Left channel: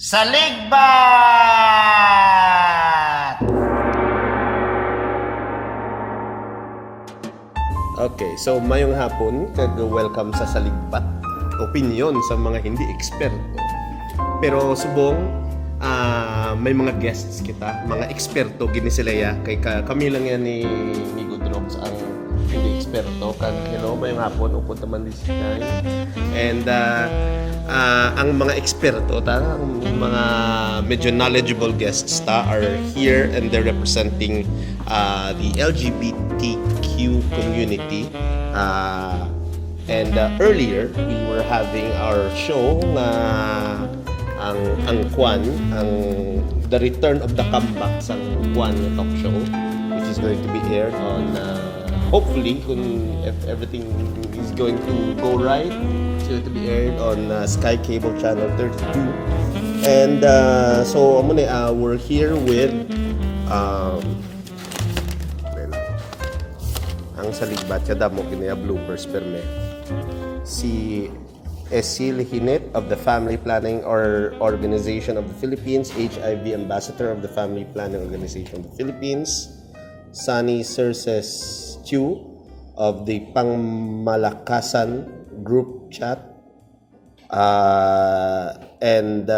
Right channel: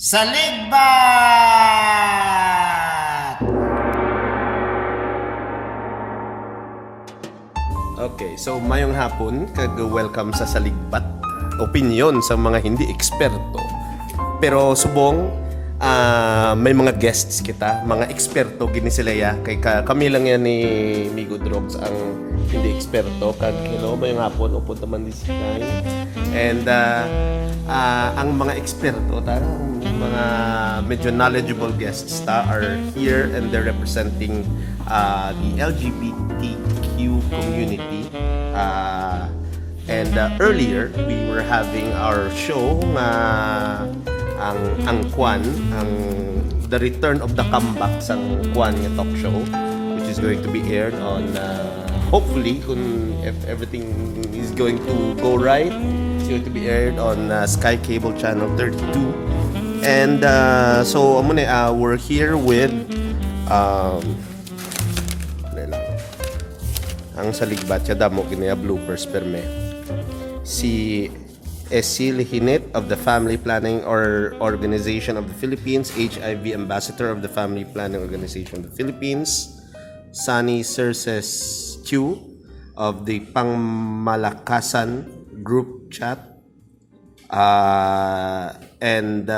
SALIGBAT! Okay, so mayong hapon, kag-welcome sa Saligbat. Opinyon sa mga hindi eksperto. Pero subong, may mga guests kita, mga eksperto gini sila ya. Kay kami lang yan ni Migo Drogs ang hindi eksperto. Kag hello, mayong hapon, upod naman this time. And ang mga eksperto, ang mga medyo knowledgeable guests are here and they're representing the LGBTQ community. And earlier, we were having our show na ang The Return of the Comeback sa Kwan talk show, which is going to be aired on hopefully, if everything is going to go right, it's going to be aired on Sky Cable Channel 32. And so we're here with ang Saligbat siya damo ginaya bloopers perme si Esil Hinit of the Family Planning Organization of the Philippines, HIV Ambassador of the Family Planning Organization of the Philippines, Sunny Cerces Q of the Pangmalakasan Group Chat, and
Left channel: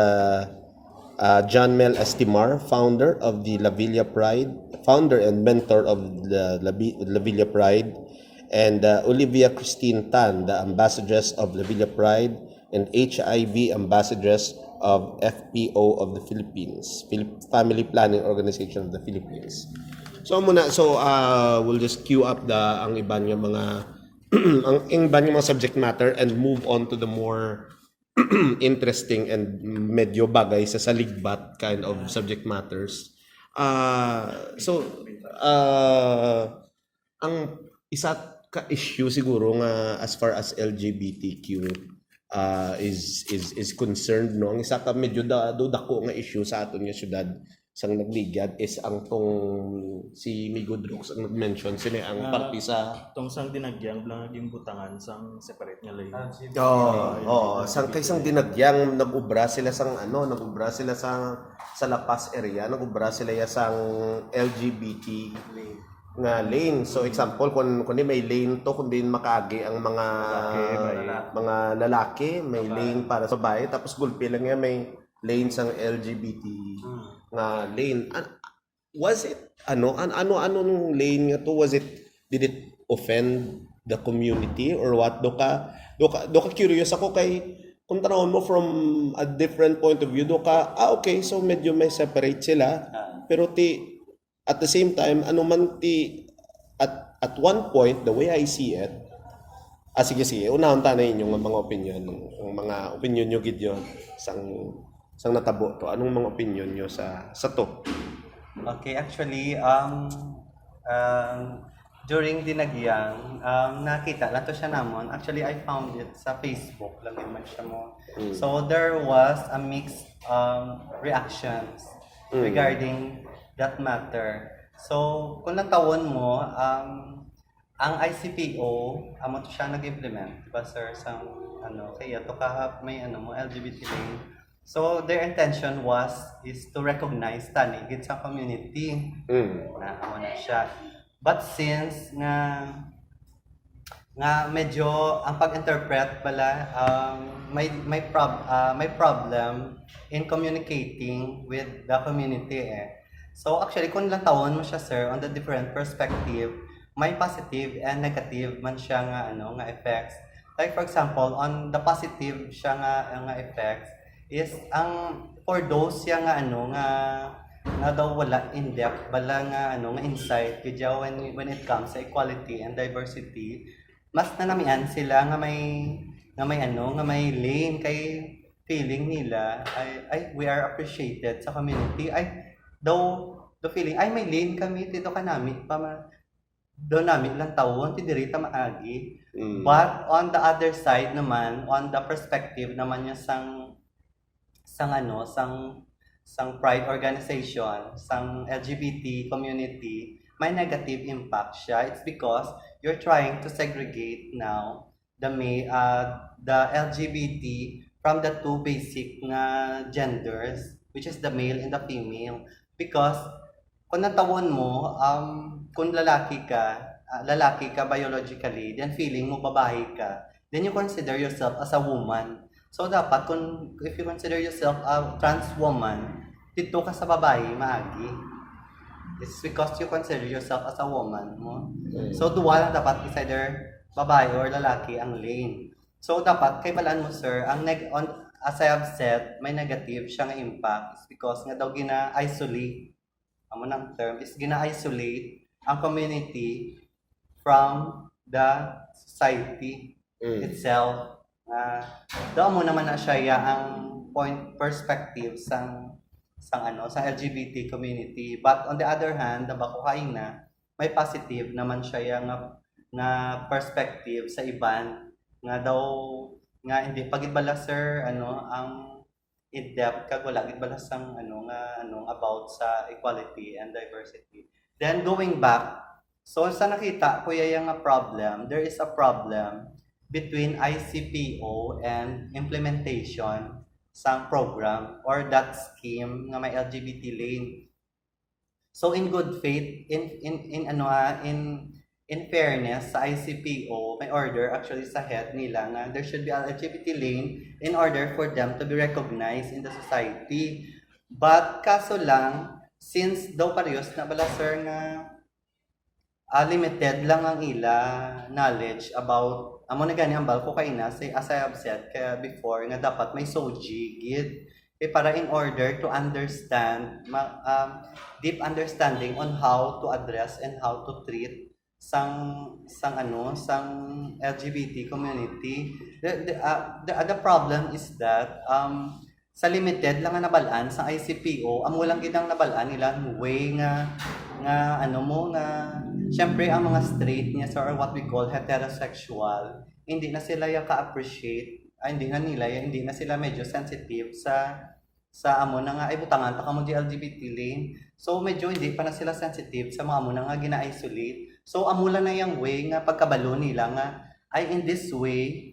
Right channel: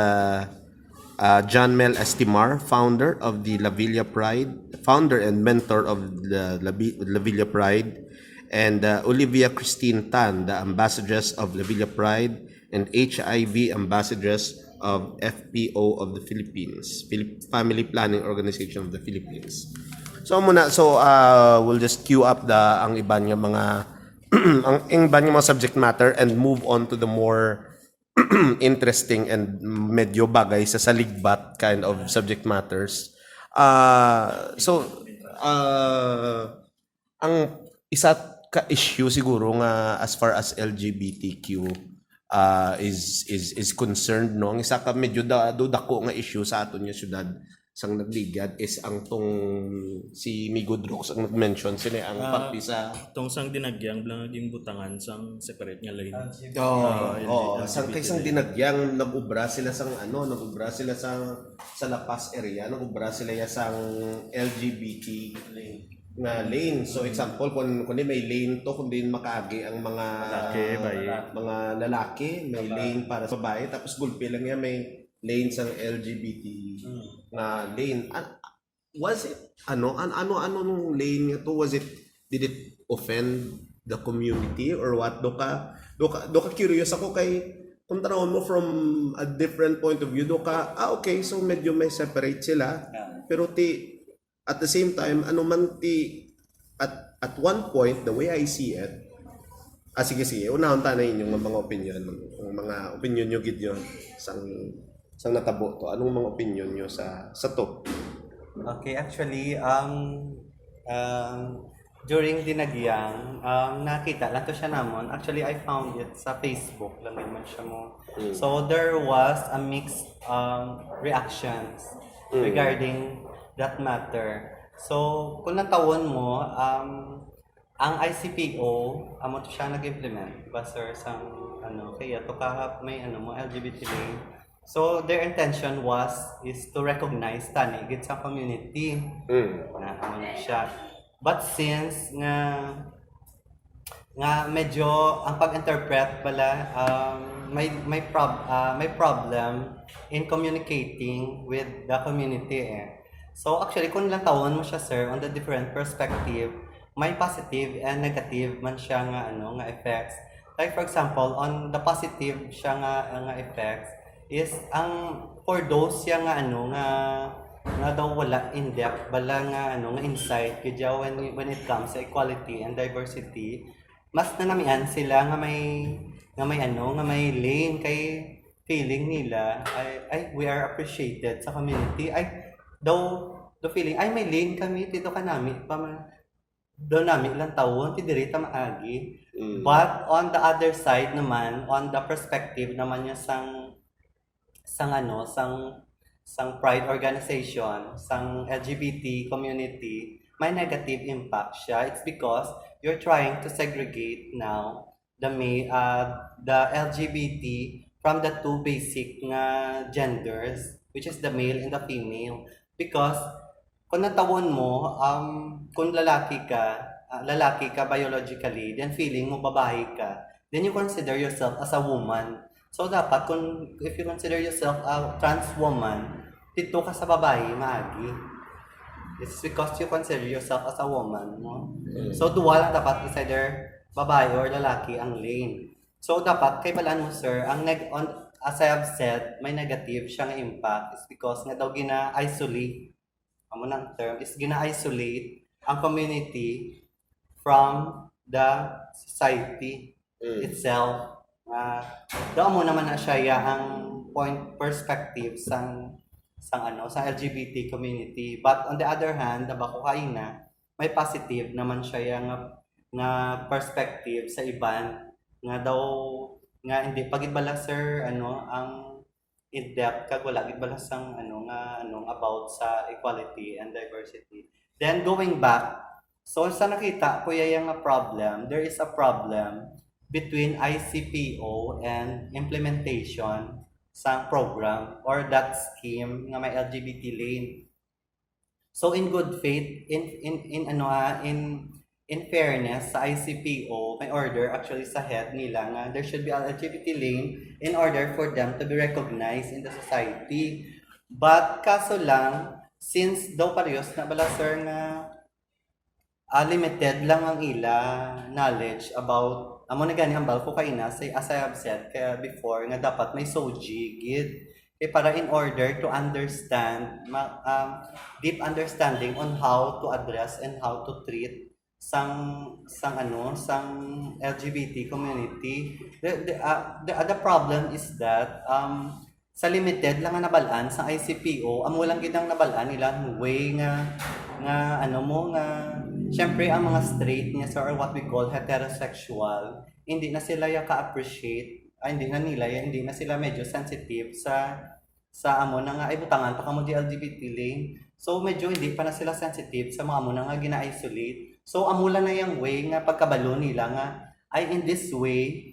John Mel Estimar, founder of the La Villa Pride, founder and mentor of the La Villa Pride, and Olivia Christine Tan, the ambassadress of La Villa Pride and HIV ambassadress of FPO of the Philippines, Family Planning Organization of the Philippines. We'll just queue up ang iba niya mga ang iba niya mga subject matter and move on to the more interesting and medyo bagay sa saligbat kind of subject matters. Ang isa ka issue siguro nga as far as LGBTQ is concerned, no, ang isa ka medyo dako nga issue sa aton nga syudad sang nagligad is ang tong si Migo Drogs ang nag-mention sila ang party sa tong sang dinagyang blangaging butangan sang separate nga lane. Sang kaysang dinagyang nag-ubra sila sa La Paz area, nag-ubra sila sang LGBT nga lane. So example, kung may lane to, kung din makaagi ang mga lalaki, may lane para sa babae, tapos gulpi lang yan, may lane sang LGBT nga lane. Was it ano lane nga to? Did it offend the community or what? Do ka curious ako kay kung tanawon mo from a different point of view, okay, so medyo may separate sila, pero at the same time, at one point, the way I see it, sige, unahon ta na inyong mga opinion nyo gid yun, sang natabo to. Anong mga opinion nyo sa to? Okay, actually, during dinagyang, nakita lang to siya namon. Actually, I found it sa Facebook lang naman siya mo. So, there was a mixed reactions regarding that matter. So, kung natawon mo, ang ICPO, amo to siya nag-implement, diba sir, kaya to may LGBT lane. So, their intention is to recognize tanigid sa community. Na siya. But since nga medyo ang pag-interpret pala may problem in communicating with the community So actually kung lang tawon mo siya sir on the different perspective, may positive and negative man siya nga effects. Like for example, on the positive siya nga effects is for those siya nga daw wala in depth bala nga insight kaya when it comes to equality and diversity, mas nanamian sila nga may lane kay feeling nila ay we are appreciated sa community, the feeling ay may lane kami dito kanami do nami lang tawon ti diri ta maagi. But on the other side naman, on the perspective naman niya sang pride organization, sang LGBT community, may negative impact siya. It's because you're trying to segregate now the LGBT from the two basic nga genders, which is the male and the female. Because kung natawon mo, kung lalaki ka biologically, then feeling mo babae ka, then you consider yourself as a woman. So dapat if you consider yourself a trans woman, dito ka sa babae maagi. It's because you consider yourself as a woman mo. So dual lang dapat is either babae or lalaki ang lane. So dapat kay balaan mo sir, as I have said, may negative siyang impact is because nga daw gina-isolate, amo nang term is gina-isolate ang community from the society itself. Daw mo naman na siya ang perspective sang LGBT community. But on the other hand, na may positive naman siya nga perspective sa iban nga daw nga hindi pagibala sir ang in-depth kag wala gid bala sang about sa equality and diversity. Then going back, so sa nakita ko yung problem, there is a problem between ICPO and implementation sang program or that scheme nga may LGBT lane. So in good faith, in fairness sa ICPO, may order actually sa head nila nga there should be an LGBT lane in order for them to be recognized in the society. But kaso lang, since daw parehas na bala sir nga limited lang ang ila knowledge about amo na gani ang balko kay na say as I have said kaya before nga dapat may soji gid para in order to understand deep understanding on how to address and how to treat sang LGBT community. The problem is that sa limited lang nga nabalaan sa ICPO, amo lang gid ang nabalaan nila way nga syempre ang mga straight niya or what we call heterosexual, hindi na sila ka-appreciate, hindi na sila medyo sensitive sa amo na nga ay butangan pa kamo di LGBT lane. So medyo hindi pa na sila sensitive sa mga amo na nga gina-isolate. So amo lang na yung way nga pagkabalo nila nga ay in this way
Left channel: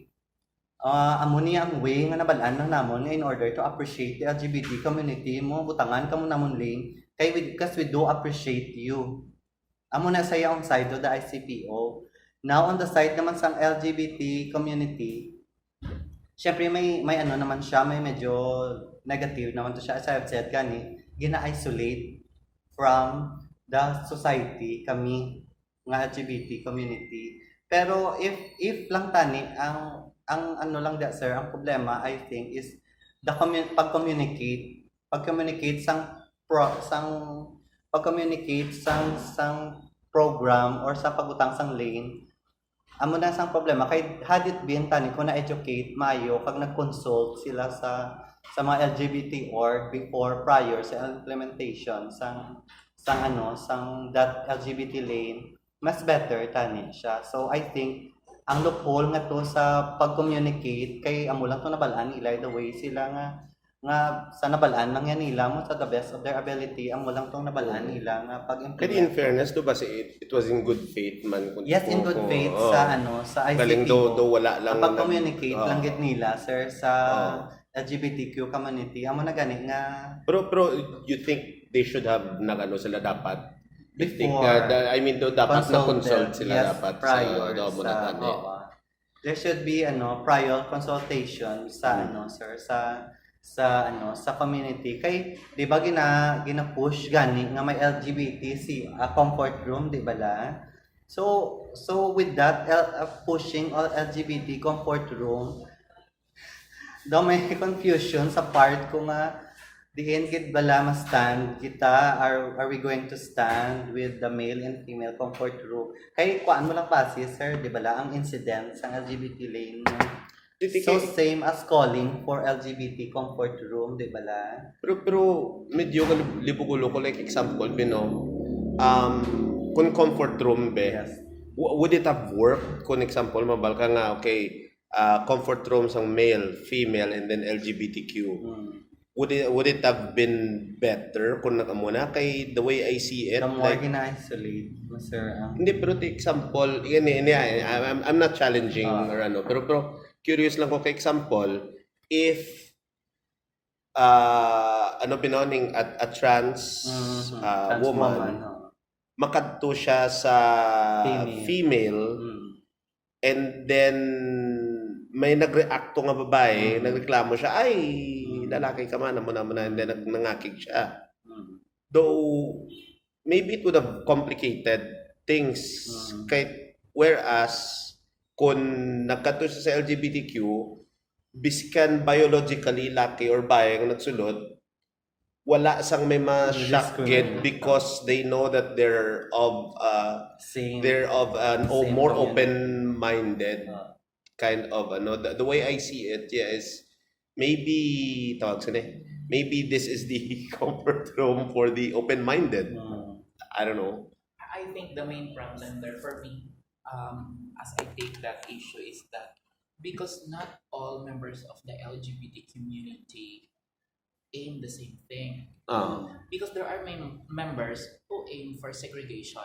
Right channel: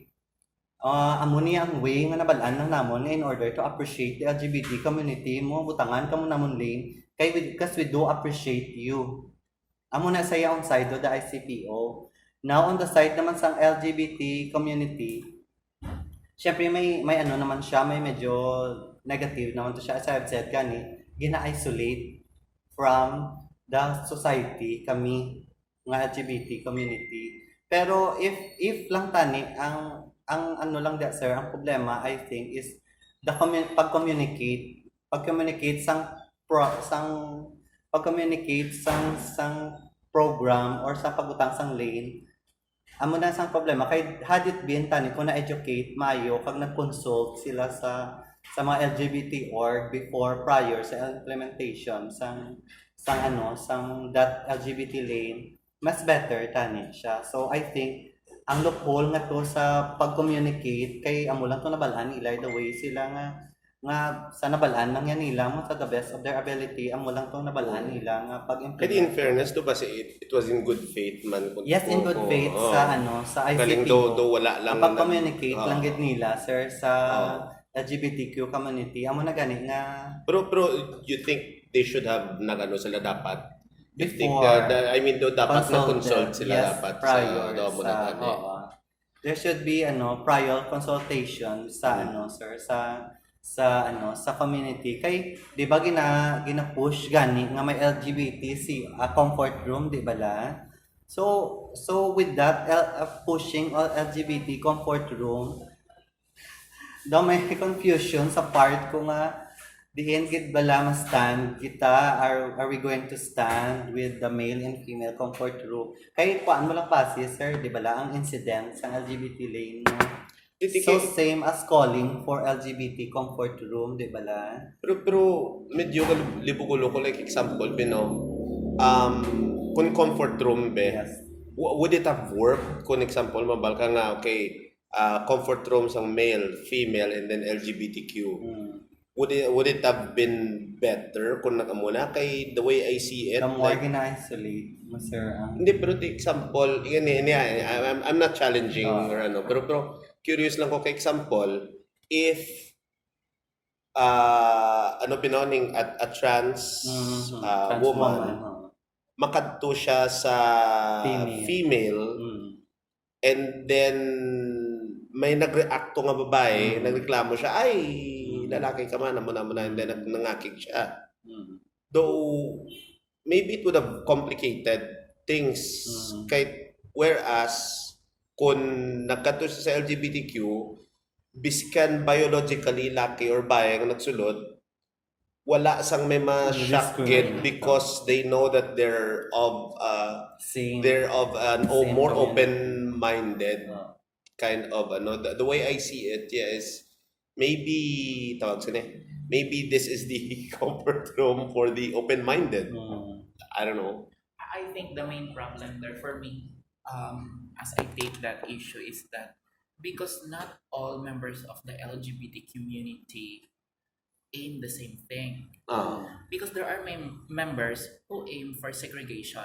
amo niya ang way nga nabalaan lang namon nga in order to appreciate the LGBT community mo butangan kamo namon lane because we do appreciate you. Amo na saya on side of the ICPO. Now on the side naman sang LGBT community, syempre may naman siya, may medyo negative naman to siya. As I've said gina-isolate from the society kami nga LGBT community. Pero if lang tani ang lang sir, ang problema I think is the pag-communicate sang program or sa pagutang sang lane. Amo na sang problema kay had it been tani ko na educate maayo kag nag-consult sila sa mga LGBT org prior sa implementation sang that LGBT lane, mas better tani siya. So I think ang loophole nga to sa pag-communicate kay amo lang to nabalaan nila the way sila nga sa nabalaan lang yan nila mo sa the best of their ability amo lang tong nabalaan nila nga pag-implement. But in fairness do ba it was in good faith man yes, in good faith sa ICT do wala lang pag-communicate lang gid nila sir sa LGBTQ community amo na gani nga pero you think they should have sila dapat I mean dapat na-consult sila yes, dapat prior sa there should be prior consultation sa sir sa community kay di ba gina-push gani nga may LGBT comfort room di ba la so with that pushing LGBT comfort room daw may confusion sa part ko nga diin gid bala ma stand kita are we going to stand with the male and female comfort room kay kuan mo lang pasi sir di bala ang incident sa LGBT lane mo so same as calling for LGBT comfort room di bala pero medyo libugulo ko like example kung comfort room yes. Would it have worked kung example mabal ka nga okay comfort room sang male female and then LGBTQ would it have been better kung nakamuna kay the way I see it the more gina-isolate mo sir hindi pero the example I'm not challenging or pero curious lang ko kay example if ano binoning a trans Trans woman no? makadto siya sa Female. female and then may nagreacto nga babae, nagreklamo siya, ay, lalaki ka man, muna, and then nangakig siya. Though, maybe it would have complicated things. Kahit, whereas, kung nagkato siya sa LGBTQ, biskan biologically laki or bae ang nagsulod, wala sang may ma-shock gid because they know that they're of an more open-minded kind of the way I see it is maybe maybe this is the comfort room for the open-minded. I don't know. I think the main problem there for me, as I take that issue, is that because not all members of the LGBT community aim the same thing. Because there are members who aim for segregation,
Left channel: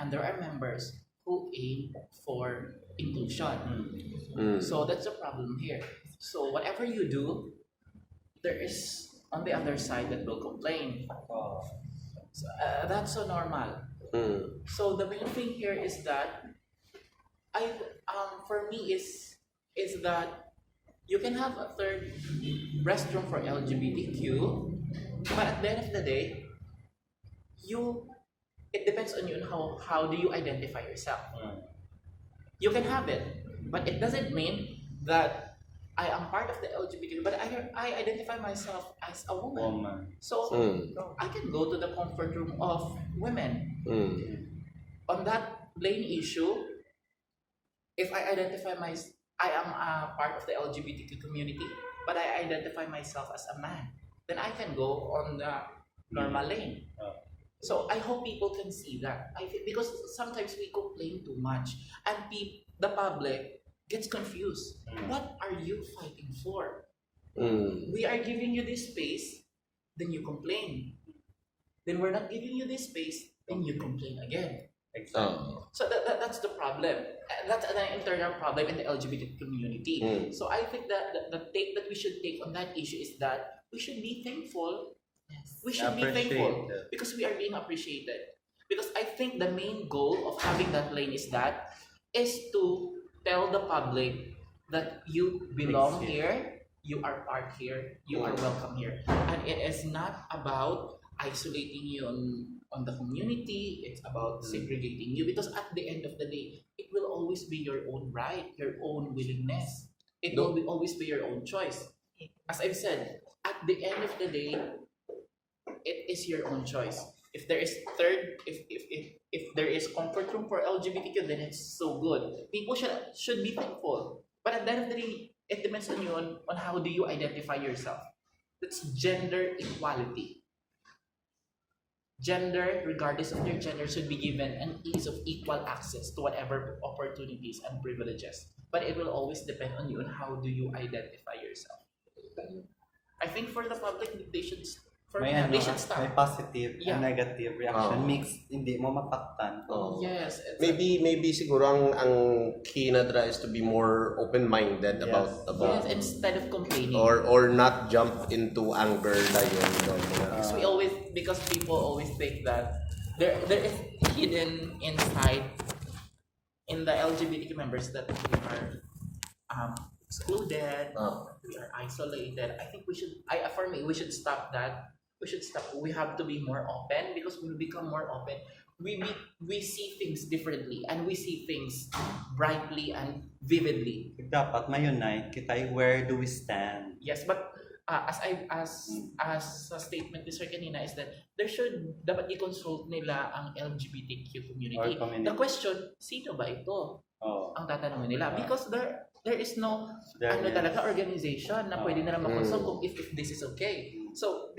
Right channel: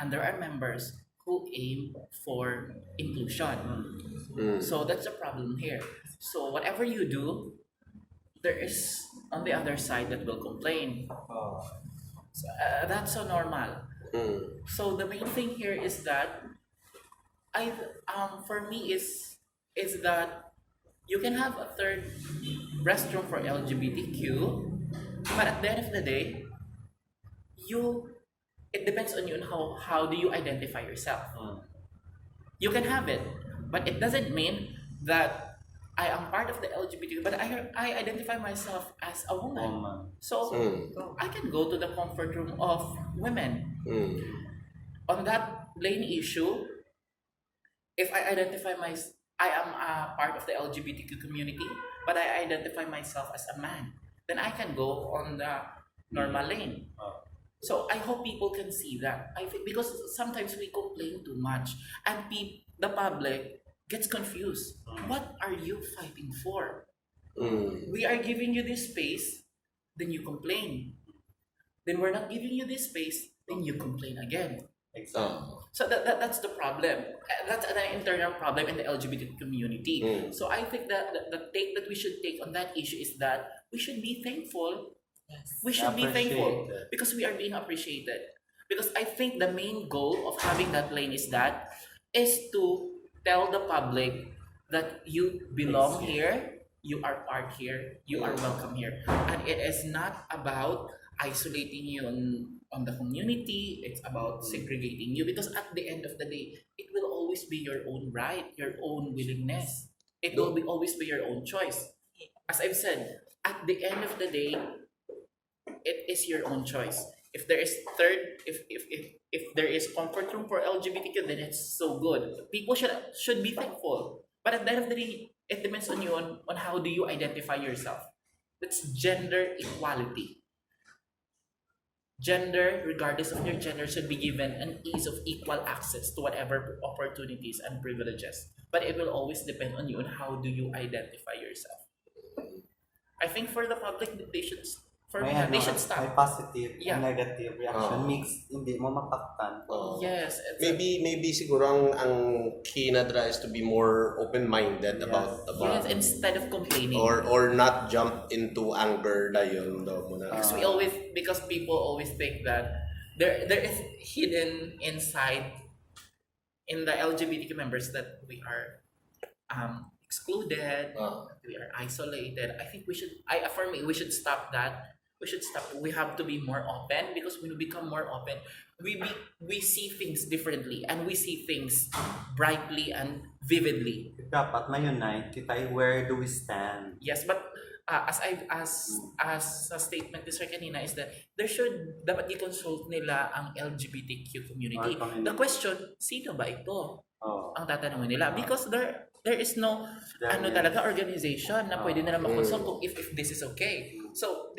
and there are members who aim for inclusion. So that's the problem here. So whatever you do, there is on the other side that will complain. So, that's so normal. So the main thing here is that for me is that you can have a third restroom for LGBTQ, but at the end of the day, it depends on you on how do you identify yourself. You can have it, but it doesn't mean that I am part of the LGBTQ, but I identify myself as a woman. So I can go to the comfort room of women. On that lane issue, if I I am a part of the LGBTQ community, but I identify myself as a man, then I can go on the normal lane. So I hope people can see that. I think because sometimes we complain too much, and the public gets confused. What are you fighting for? We are giving you this space, then you complain. Then we're not giving you this space, then you complain again. Exactly. So that's the problem. That's an internal problem in the LGBT community. So I think that the take that we should take on that issue is that we should be thankful. Yes. We should be thankful because we are being appreciated. Because I think the main goal of having that lane is to tell the public that you belong here, you are part here, you are welcome here. And it is not about isolating you on the community, it's about segregating you, because at the end of the day, it will always be your own right, your own willingness. It will always be your own choice. As I've said, at the end of the day, it is your own choice. If there is if there is comfort room for LGBTQ, then it's so good. People should be thankful. But at the end of the day, it depends on you on how do you identify yourself. That's gender equality. Gender, regardless of your gender, should be given an ease of equal access to whatever opportunities and privileges. But it will always depend on you on how do you identify yourself. I think for the public, they should stop. May positive Yeah. and negative reaction mixed, hindi mo mapaktan. Yes. Maybe siguro ang key na dra is to be more open-minded about Yes, instead of complaining. or not jump into anger na yun. Because people always think that there is hidden inside in the LGBTQ members that we are excluded, we are isolated. I think for me, we should stop that. We have to be more open, because when we become more open, we see things differently, and we see things brightly and vividly. Dapat ma-unite kita, where do we stand? Yes, but as a statement ni Sir kanina is that dapat i-consult nila ang LGBTQ community. The question, sino ba ito? Ang tatanungin nila, because there is no talaga organization na pwede nila makonsult kung if this is okay. So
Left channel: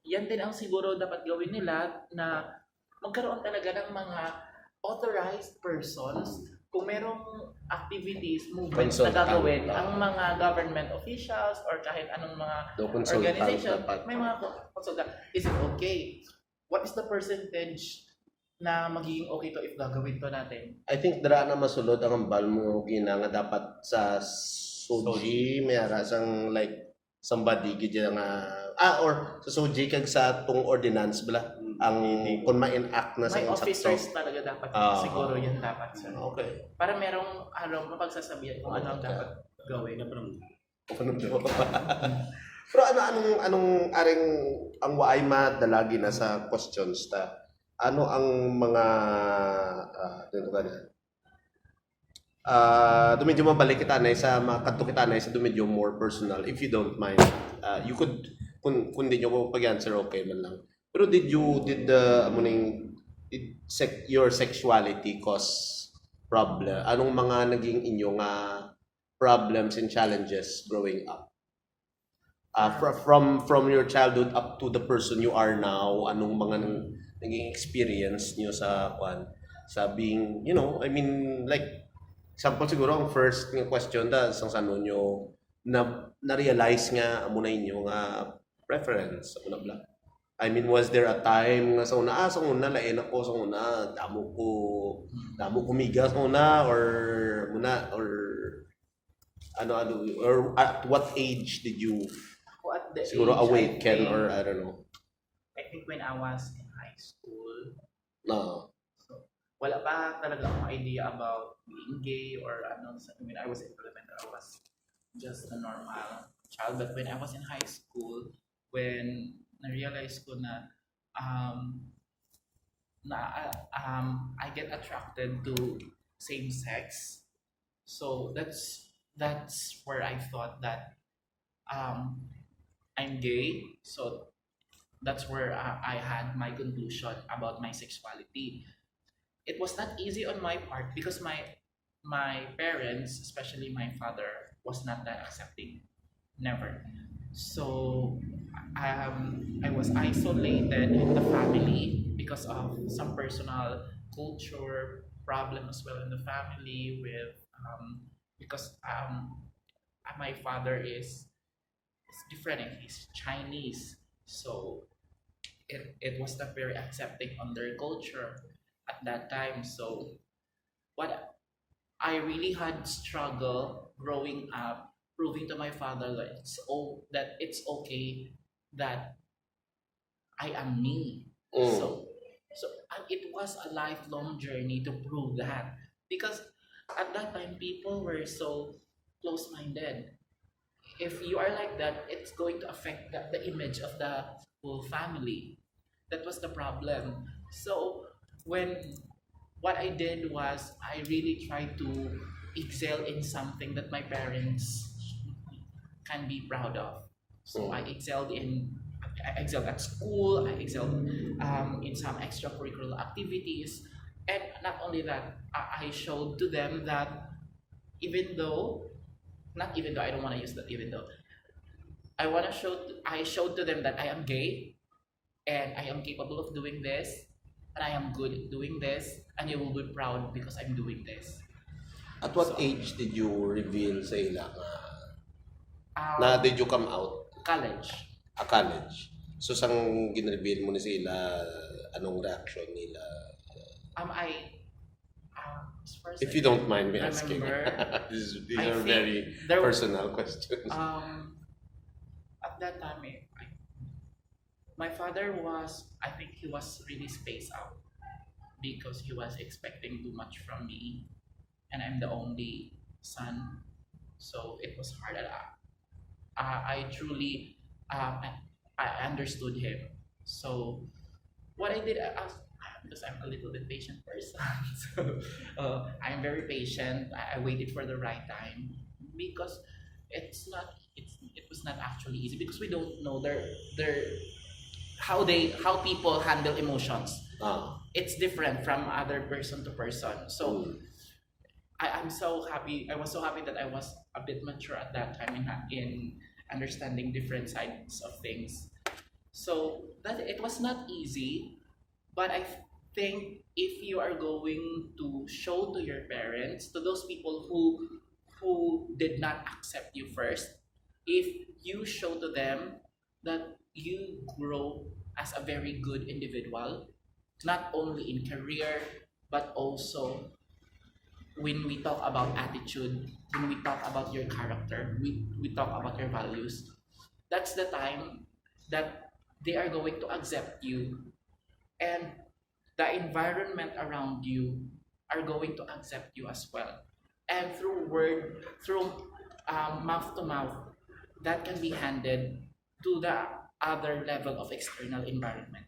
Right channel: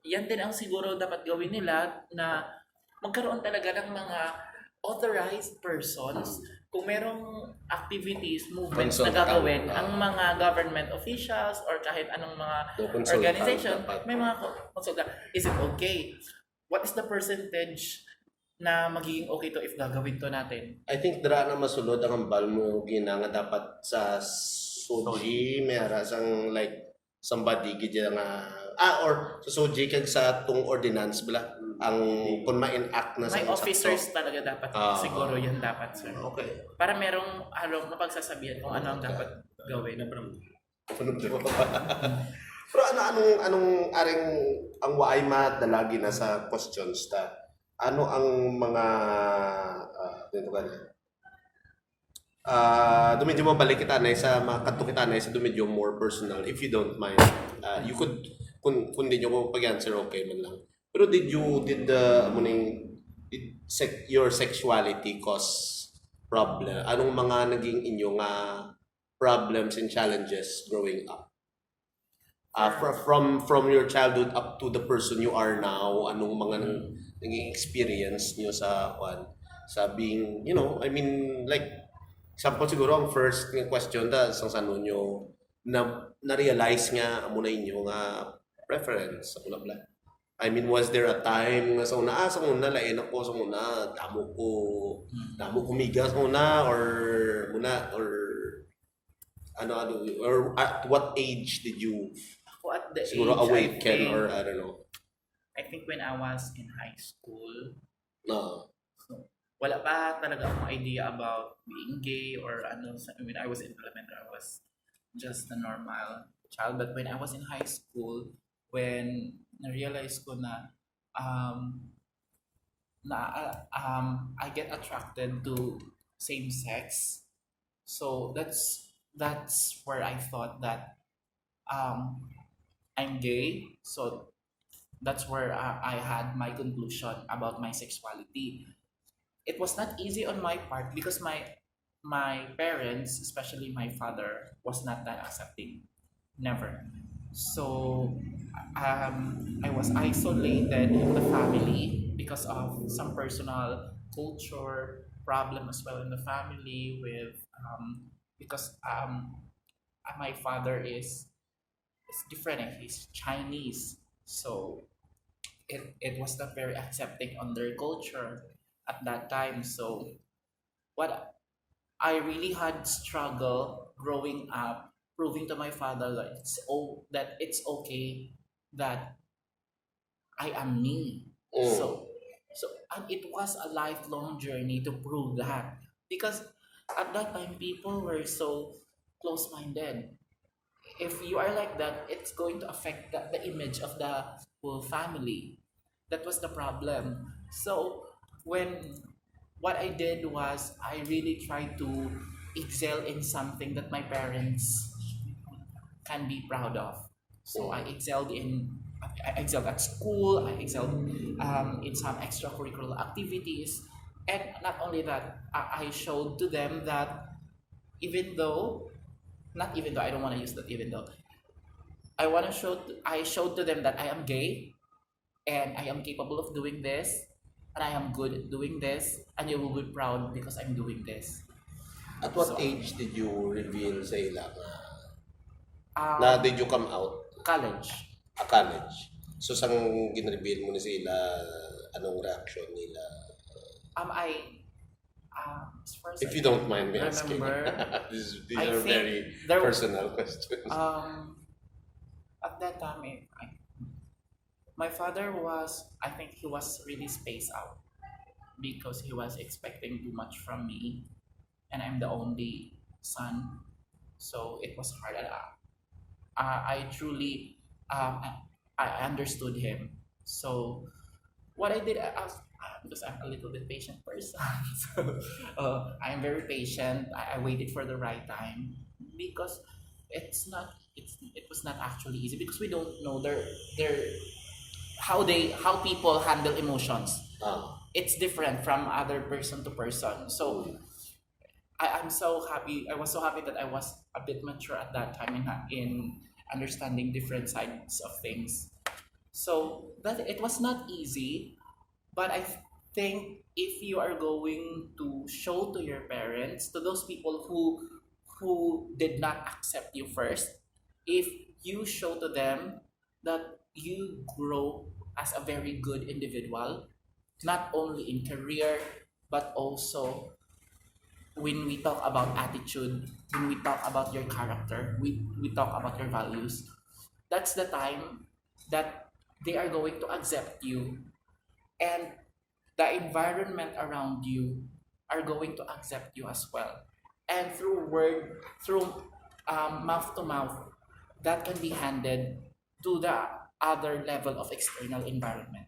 yan din ang siguro dapat gawin nila, na magkaroon talaga ng mga authorized persons kung merong activities, movements na gagawin ang mga government officials or kahit anong mga organization, may mga consultant. Is it okay? What is the percentage na magiging okay to if gagawin to natin? I think dara na masulod ang ambal mo gina nga dapat sa Soji, may ara sang like somebody gid nga or sa Soji kag sa tung ordinance bala ang kung ma-enact na sa May ang officers sakto. talaga dapat, Ah. siguro yan dapat, sir. Okay. Para merong mapagsasabihan kung ano ang dapat gawin. Pero anong aring ang waay madalagi na sa questions ta? Ano ang mga dito ka medyo mabalik kita na sa mga kanto kita na sa medyo more personal if you don't mind. You could kung di nyo mo pag-answer okay man lang. Pero did your sexuality cause problem? Anong mga naging inyong problems and challenges growing up? From your childhood up to the person you are now, anong mga naging experience niyo sa being, I mean, like example siguro ang first nga question sa sano nyo na-realize nga amo na inyo nga preference sa bla. I mean, was there a time nga sa una lain ako sa una damo ko miga sa una or at what age did you At the siguro age, awaken or I don't know? I think when I was in high school, No. so, wala pa talaga akong idea about being gay or ano. When I was in elementary, I was just a normal child. But when I was in high school, when na-realize ko na I get attracted to same sex, so that's where I thought that I'm gay. So that's where I had my conclusion about my sexuality. It was not easy on my part because my parents, especially my father, was not that accepting. Never. So I was isolated in the family because of some personal culture problem as well in the family with because my father is different. He's Chinese, so it was not very accepting on their culture at that time. So what I really had struggle growing up proving to my father that it's okay that I am me. So and it was a lifelong journey to prove that because at that time people were so close-minded. If you are like that, it's going to affect the image of the whole family. That was the problem. So when what I did was I really tried to excel in something that my parents can be proud of. So I excelled at school. I excelled in some extracurricular activities, and not only that, I showed to them that even though, not even though I don't want to use that even though, I showed to them that I am gay, and I am capable of doing this, and I am good at doing this, and you will be proud because I'm doing this. At what So, age did you reveal sa ila Um, na did you come out college. a college? So sang gin-reveal mo ni sila, anong reaction nila? As far as If I you don't mind me remember, asking. These I are think very there was- personal questions. At that time, my father was, I think he was really spaced out because he was expecting too much from me, and I'm the only son, so it was hard. I truly, I understood him. So what I did, because I'm a little bit patient person, so I'm very patient. I waited for the right time because it was not actually easy because we don't know how people handle emotions. It's different from other person to person. So I'm so happy. I was so happy that I was a bit mature at that time in understanding different sides of things. So that it was not easy, but I think if you are going to show to your parents, to those people who did not accept you first, if you show to them that you grow as a very good individual, not only in career but also when we talk about attitude, when we talk about your character, we talk about your values, that's the time that they are going to accept you, and the environment around you are going to accept you as well. And through mouth to mouth, that can be handed to the other level of external environment.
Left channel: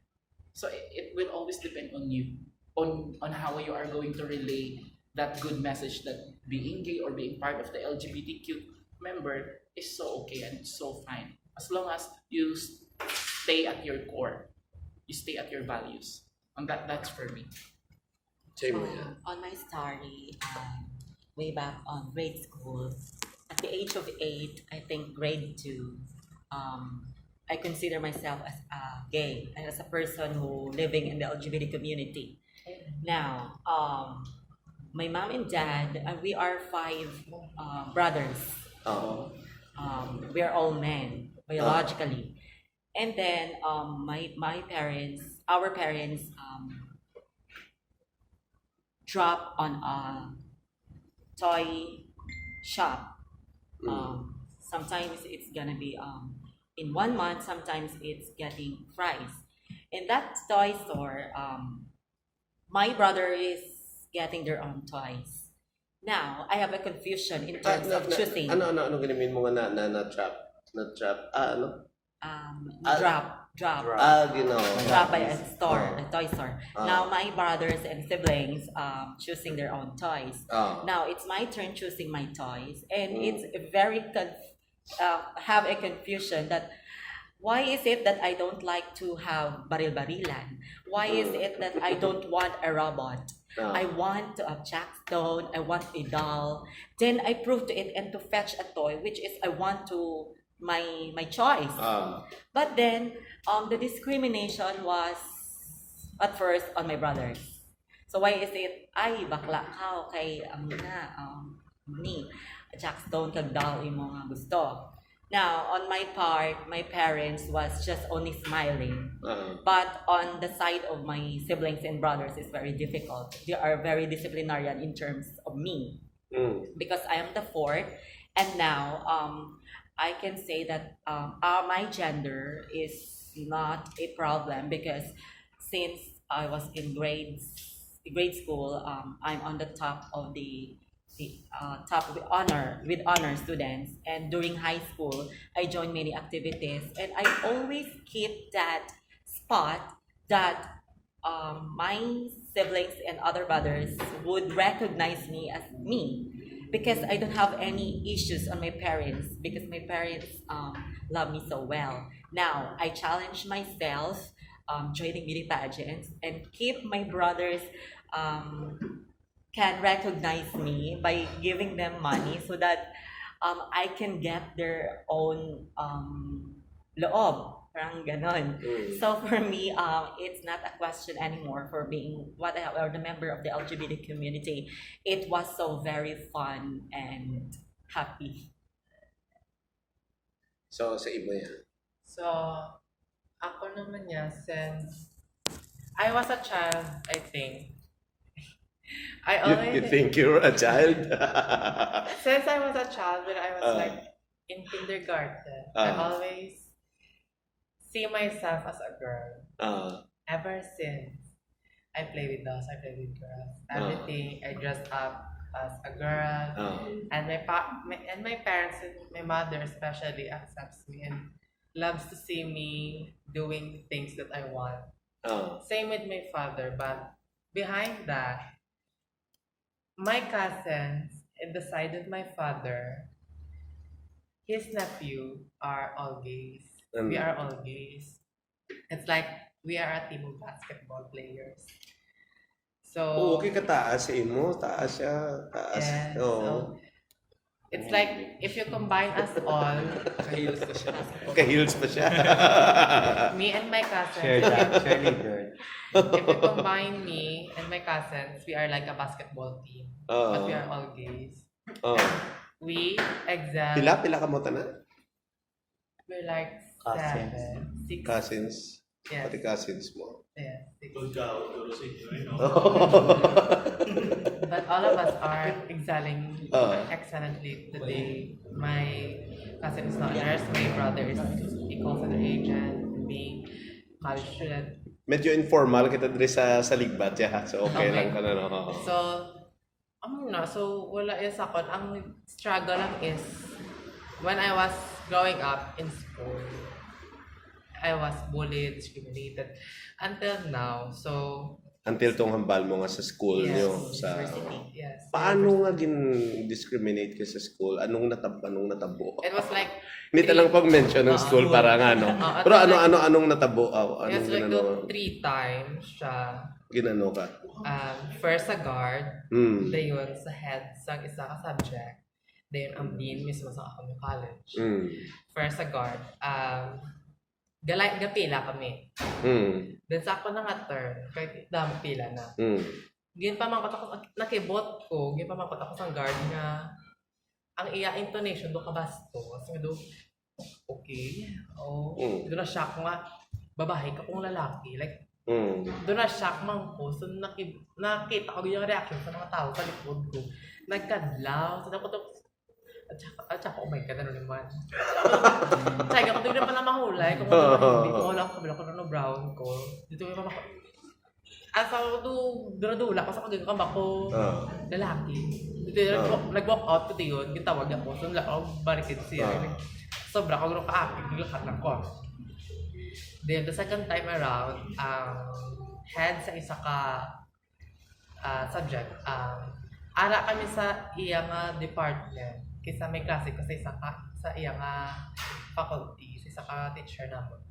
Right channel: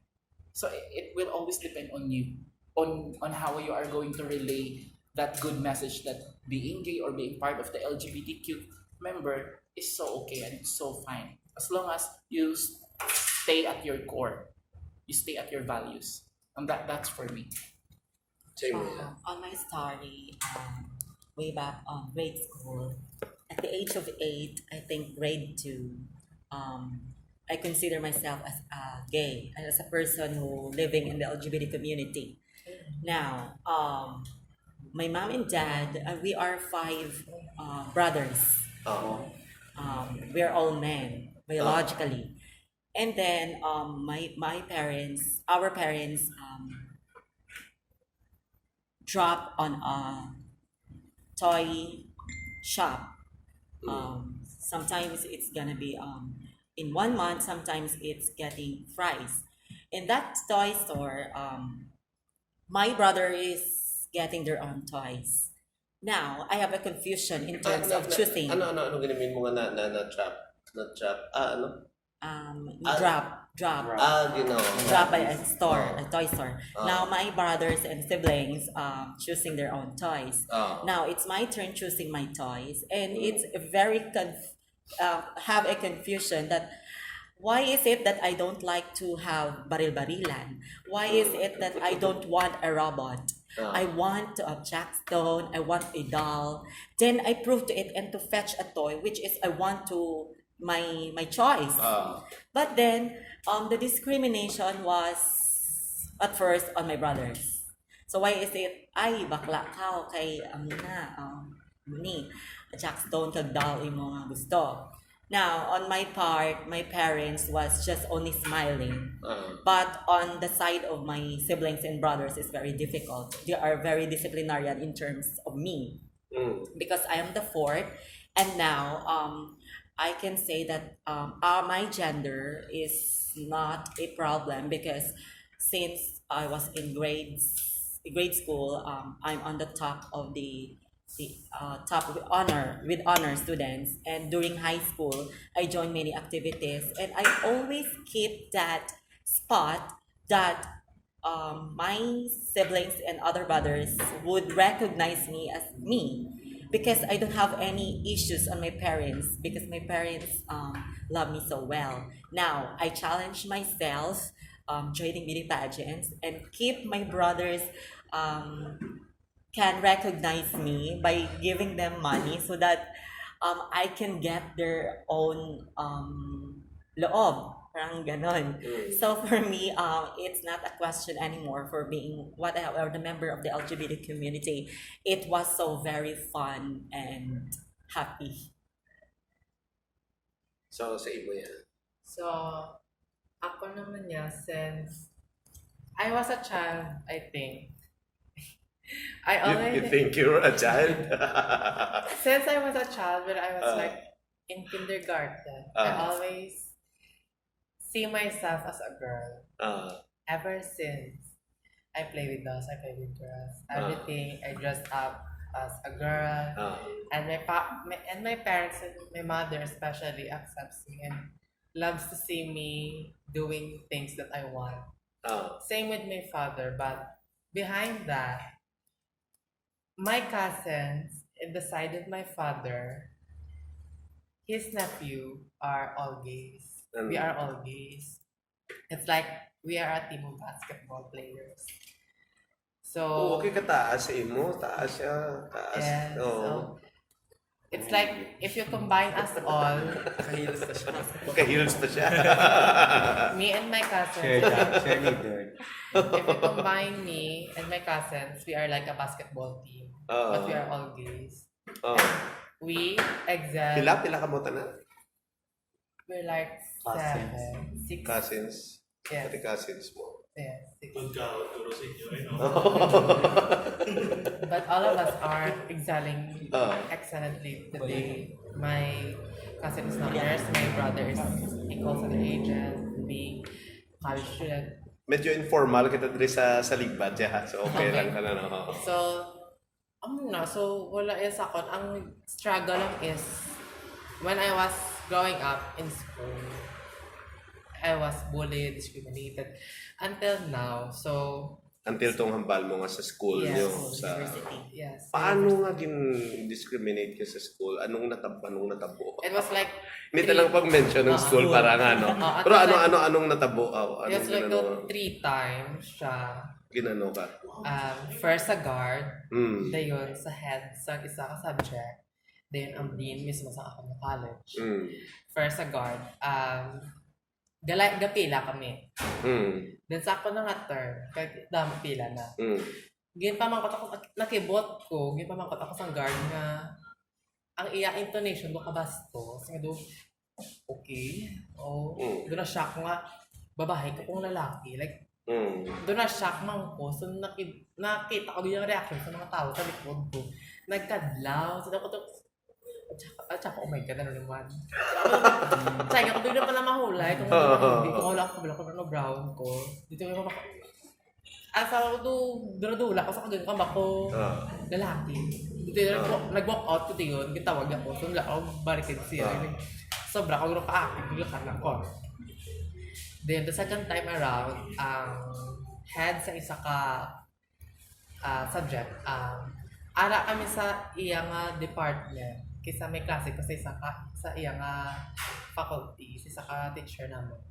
So it will always depend on you, on how you are going to relay that good message that being gay or being part of the LGBTQ member is so okay and so fine, as long as you stay at your core, you stay at your values, and that's for me. Same with that. On my story, way back on grade school, at the age of 8, I think grade 2, I consider myself as gay and as a person who living in the LGBT community. Now, my mom and dad, we are 5 brothers. Oo. We are all men biologically, and then my parents, our parents, drop on a toy shop. Sometimes it's gonna be in 1 month. Sometimes it's getting fries. In that toy store, my brother is getting their own toys. Now I have a confusion in terms of choosing. Ano ginamin mo nga na trap? Na trap? Ano? Drop Ginawa. drop by a store, Oh. a toy store. Oh. Now my brothers and siblings choosing their own toys. Oh. Now it's my turn choosing my toys, and it's very have a confusion that why is it that I don't like to have baril-barilan? Why is it that I don't want a robot? I want a jackstone, I want a doll. Then I prove to it and to fetch a toy, which is I want to my choice. But then the discrimination was at first on my brothers. So why is it ay bakla ka kay ni jackstone kag doll imo nga gusto. Now, on my part, my parents was just only smiling. But on the side of my siblings and brothers, it's very difficult. They are very disciplinarian in terms of me. Because I am the 4th. And now, I can say that my gender is not a problem because since I was in grade school, I'm on the top of the top with honor students, and during high school I joined many activities, and I always keep that spot that my siblings and other brothers would recognize me as me, because I don't have any issues on my parents, because my parents love me so well. Now I challenge myself joining beauty pageants and keep my brothers can recognize me by giving them money so that I can get their own loob, parang ganon. So for me, it's not a question anymore for being what I or the member of the LGBT community. It was so very fun and happy. So, sa iba yan. So, ako naman niya, since I was a child, I think, I You always, think you're a child? since I was a child, when I was like in kindergarten, I always see myself as a girl. Ever since I play with dolls, I play with girls. Everything, I dress up as a girl. And my parents and my mother especially accepts me and loves to see me doing things that I want. Same with my father, but behind that, my cousins in the side of my father, his nephew are all gays. We are all gays. It's like we are a team of basketball players. So Okay ka taas sa imo, taas siya, taas. yes, so it's like if you combine us all, Heels pa siya. me and my cousins, Share leader. if you combine me and my cousins, we are like a basketball team. But we are all gays. We excel. Pila ka mo tanan? We're like Cousins. 7, 6. Cousins. Yes. Pati cousins mo. Yes, 6. Good ka, guro sa inyo, But all of us are excelling excellently today. My cousin is not nurse, my brother is a call center agent, being college student. Medyo informal kita diri sa SALIGBAT ya. So okay lang ano. So, so wala yung sakot. Ang struggle lang is when I was growing up in school, I was bullied, discriminated until now. So, Until tong hambal mo nga sa school Yes. nyo sa yes. paano nga discriminate ka sa school? Anong natabo? It was like Hindi talang pag-mention ng school para nga no. at Pero the time, anong natabo? it was Anong like ginano? 3 times siya. Ginano ka? First sa guard, Mm. dayon sa head sa isa ka subject, dayon ang dean mismo sa akong college. Mm. First sa guard, gapila kami. Mm. Then sa ako na nga term, kahit dami pila na. Mm. Gin pa man ako, nakibot ko, gin pa man ako sa guard nga, ang iya intonation do kabastos, nga do, okay, doon na shock nga, babae ka kung lalaki, like, doon na shock man ko, so nakita ko yung reaction sa mga tao sa likod ko, nagkadlaw, so ako to, at saka, oh my God, ano naman. Tsaka ako doon pa na mahulay, kung hindi ko mahula ko, bila ko na brown ko, dito yung mga, asa ako doon nadula ko sa doon kamba ko lalaki. Nag-walk out ko yun, gitawag ako, so nila ako barricade siya. Sobra ko gano'n ka-active, nilakad lang ko. Then the second time around, head sa isa ka subject, ara kami sa iyang department, kaysa may klase ko sa isa ka, sa iyang faculty, sa isa ka teacher namin.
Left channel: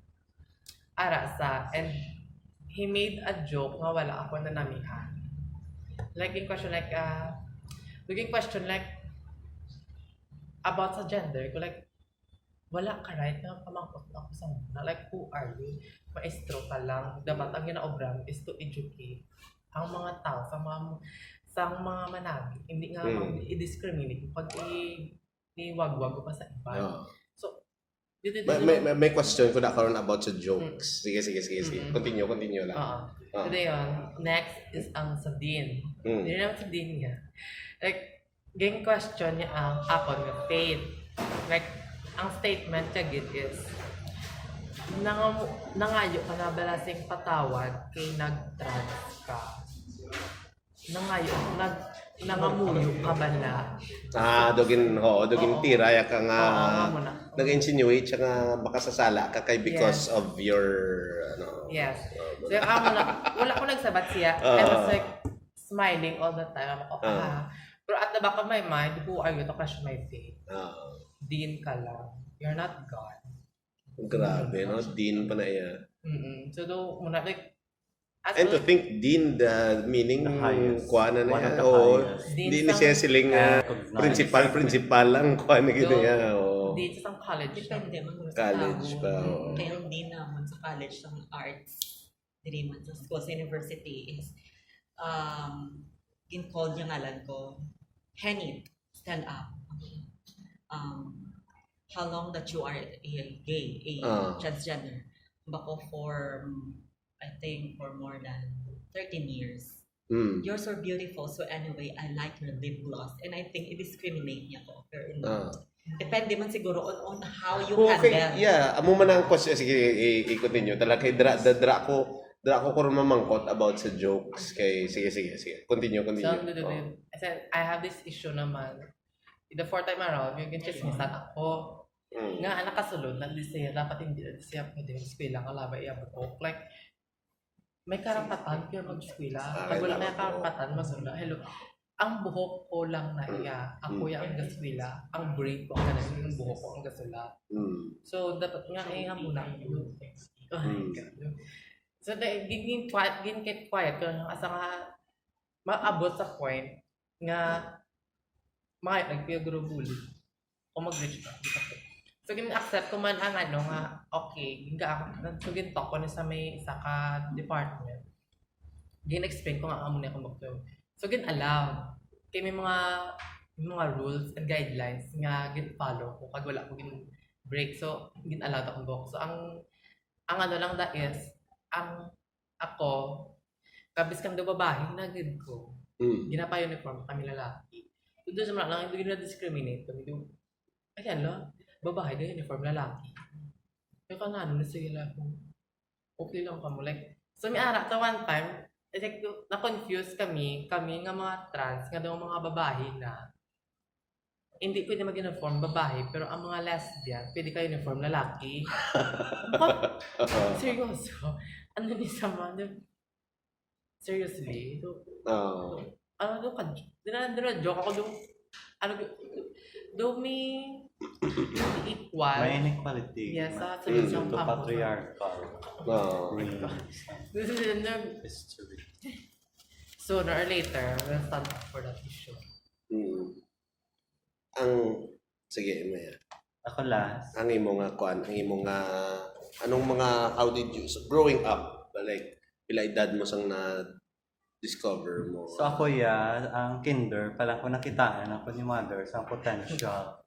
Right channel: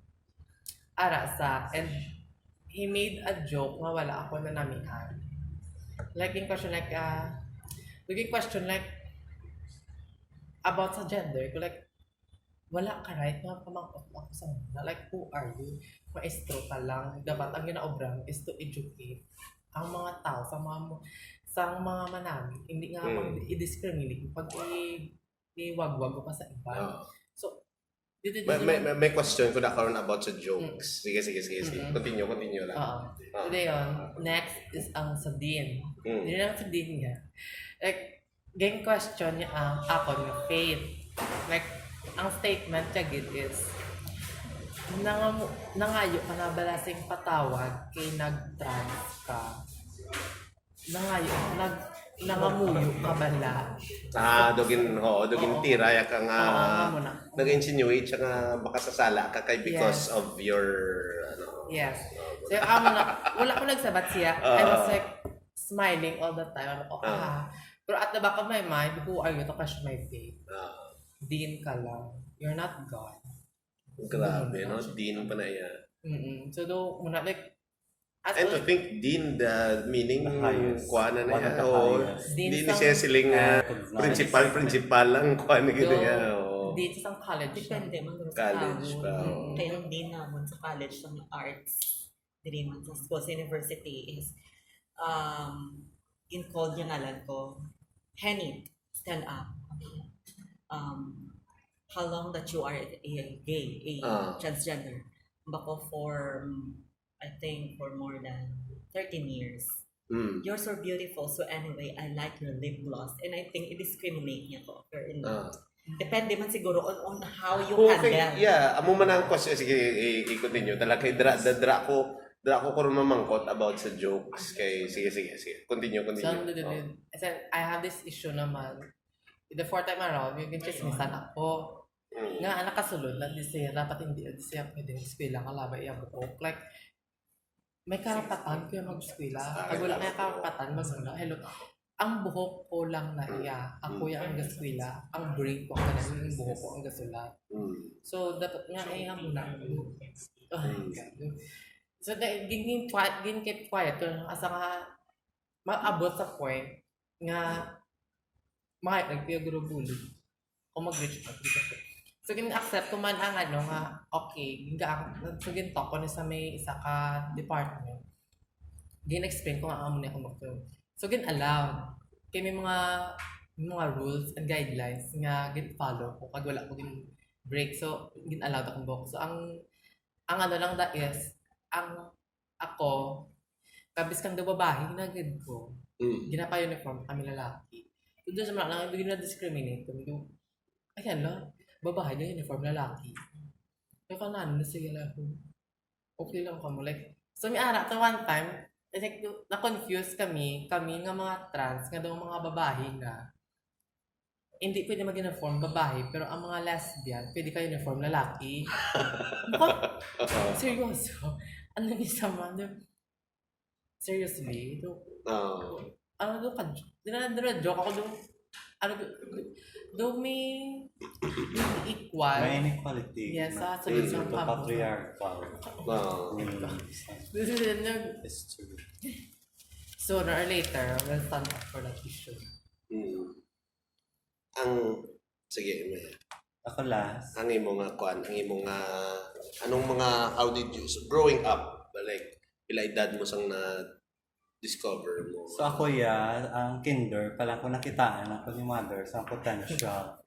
Ara sa, and he made a joke nga wala ako na namihan. Like in question like, about sa gender, ko like, wala ka right na pamangkot ako sa mga. Like, who are you? Maestro ka lang. Dapat ang ginaobram is to educate ang mga tao sa mga manami. Hindi nga i-discriminate pag iwagwag ko pa sa iba. So, may question ko na karon about sa jokes. Sige. Continue lang. Today, next is ang sa Dean. Hindi naman sa Dean nga. Like, gang question niya ako nga faith. Like, ang statement niya gid is, nangayo ka na balasing patawad kay nag-trans ka. Nangayo, nangamuyo ka bala. Dugin tira ya ka nga muna. nag-insinuate siya nga baka sasala ka kay because of your Yes. So yung wala ko nagsabat siya. I was like smiling all the time. Pero at the back of my mind, who are you to question my faith? Dean ka lang. You're not God. Grabe, no? Dean pa na yan. So muna like, And to think Dean, the meaning kuha na One of yan. the highest. Hindi ni siya siling principal lang kuha na gito yan. Dean sa college. Depende mo sa College pa. Kaya hindi naman sa college ng arts, dili man sa school, sa university is, in-call niya ngalan ko, Henny, stand up. How long that you are a gay, transgender. Bako for, I think, for more than 13 years. You're so beautiful. So anyway, I like your lip gloss. And I think i-discriminate niya ko. Pero depende man siguro on how you handle. Yeah, amo man ang question. Sige, i-continue. Talaga kay dra ko mamangkot about sa jokes. Kay sige. Continue. So, I said, I have this issue naman. The fourth time around, yung chismisan ako. Nga nakasulod na di siya, dapat hindi na siya pwede mag-eskwela ka labay iya butok. Like, may karapatan ko yung mag-eskwela. Pag wala may karapatan, masunda. Hello, ang buhok ko lang na iya. Ako yung ang gaskwela. Ang brain ko, ang ganun yung buhok ko ang gasulat. So, dapat nga nga muna. Oh my God. So, gin keep quiet. Asa nga, maabot sa point nga nagpiyaguro bully. O mag-reach out. So, gin-accept ko man ang nga, okay, so gin-talk ko na sa may isa ka department. Gin-explain ko nga muna akong doktor. So, gin-allow. Kaya may mga rules and guidelines nga gin-follow ko kag wala ko gin-break. So, gin-allow akong book. So, ang lang da is, ako, kabis kang daw babae, nagad ko. Ginapa-uniform kami lalaki. Doon sa mga lang, hindi na-discriminate kami. Ayan lang, babae na uniform lalaki. Kaya kanano na sige lang kung okay lang kamo. Like, so may ara, to one time, like, na-confuse kami nga mga trans, nga daw mga babae na hindi pwede mag-uniform babae, pero ang mga lesbian, pwede ka uniform lalaki. What? Seryoso? Ano ni sama? Seriously? Ano do ka? Joke ako do. Ano do may equal. May inequality. Yes, sunod sa Ito patriarchal. This is in the History. sooner or later, we'll stand up for that issue. Sige, Maya. Ako last. Ang imo nga kuan, ang imo nga anong mga how did you growing up like pila edad mo sang na discover mo? So ako ang kinder, palang ko nakitaan ako ni mother sa potential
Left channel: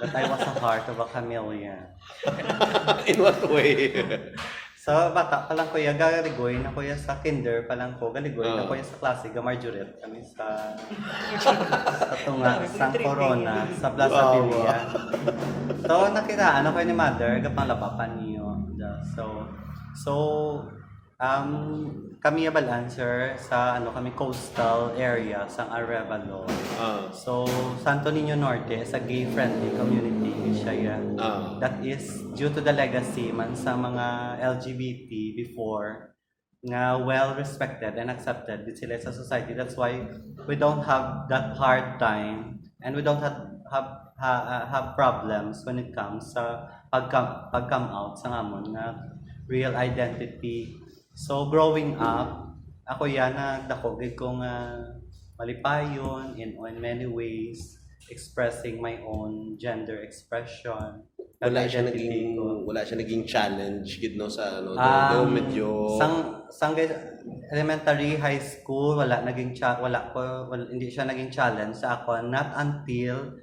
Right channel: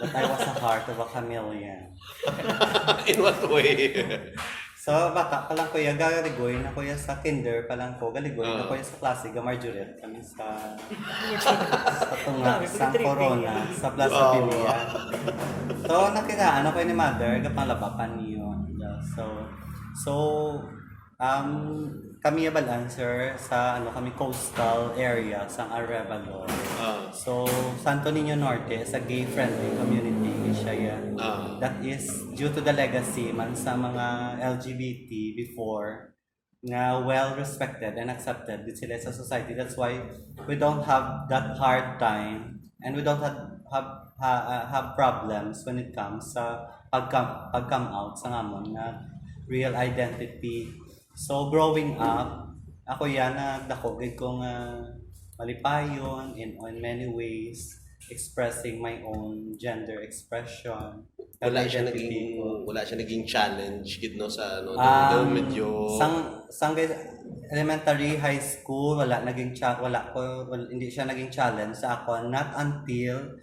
that I was a heart of a chameleon. In what way? So bata palang ko galigoy na ko sa kinder, palang ko galigoy na ko sa klase ga Marjoret kami sa tunga sa Corona sa Plaza Villa. So nakitaan ako ni mother ga panglabakan niyo. So kami balancer sa kami coastal area sa Arevalo. So Santo Niño Norte is a gay friendly community siya that is due to the legacy man sa mga LGBT before nga well respected and accepted din sila sa society. That's why we don't have that hard time and we don't have problems when it comes sa pag-come out sa amon na real identity. So growing up, ako na dakogid kong malipayon in many ways, expressing my own gender expression. Wala siya naging challenge gid no sa do medyo sang elementary, high school, hindi siya naging challenge sa ako not until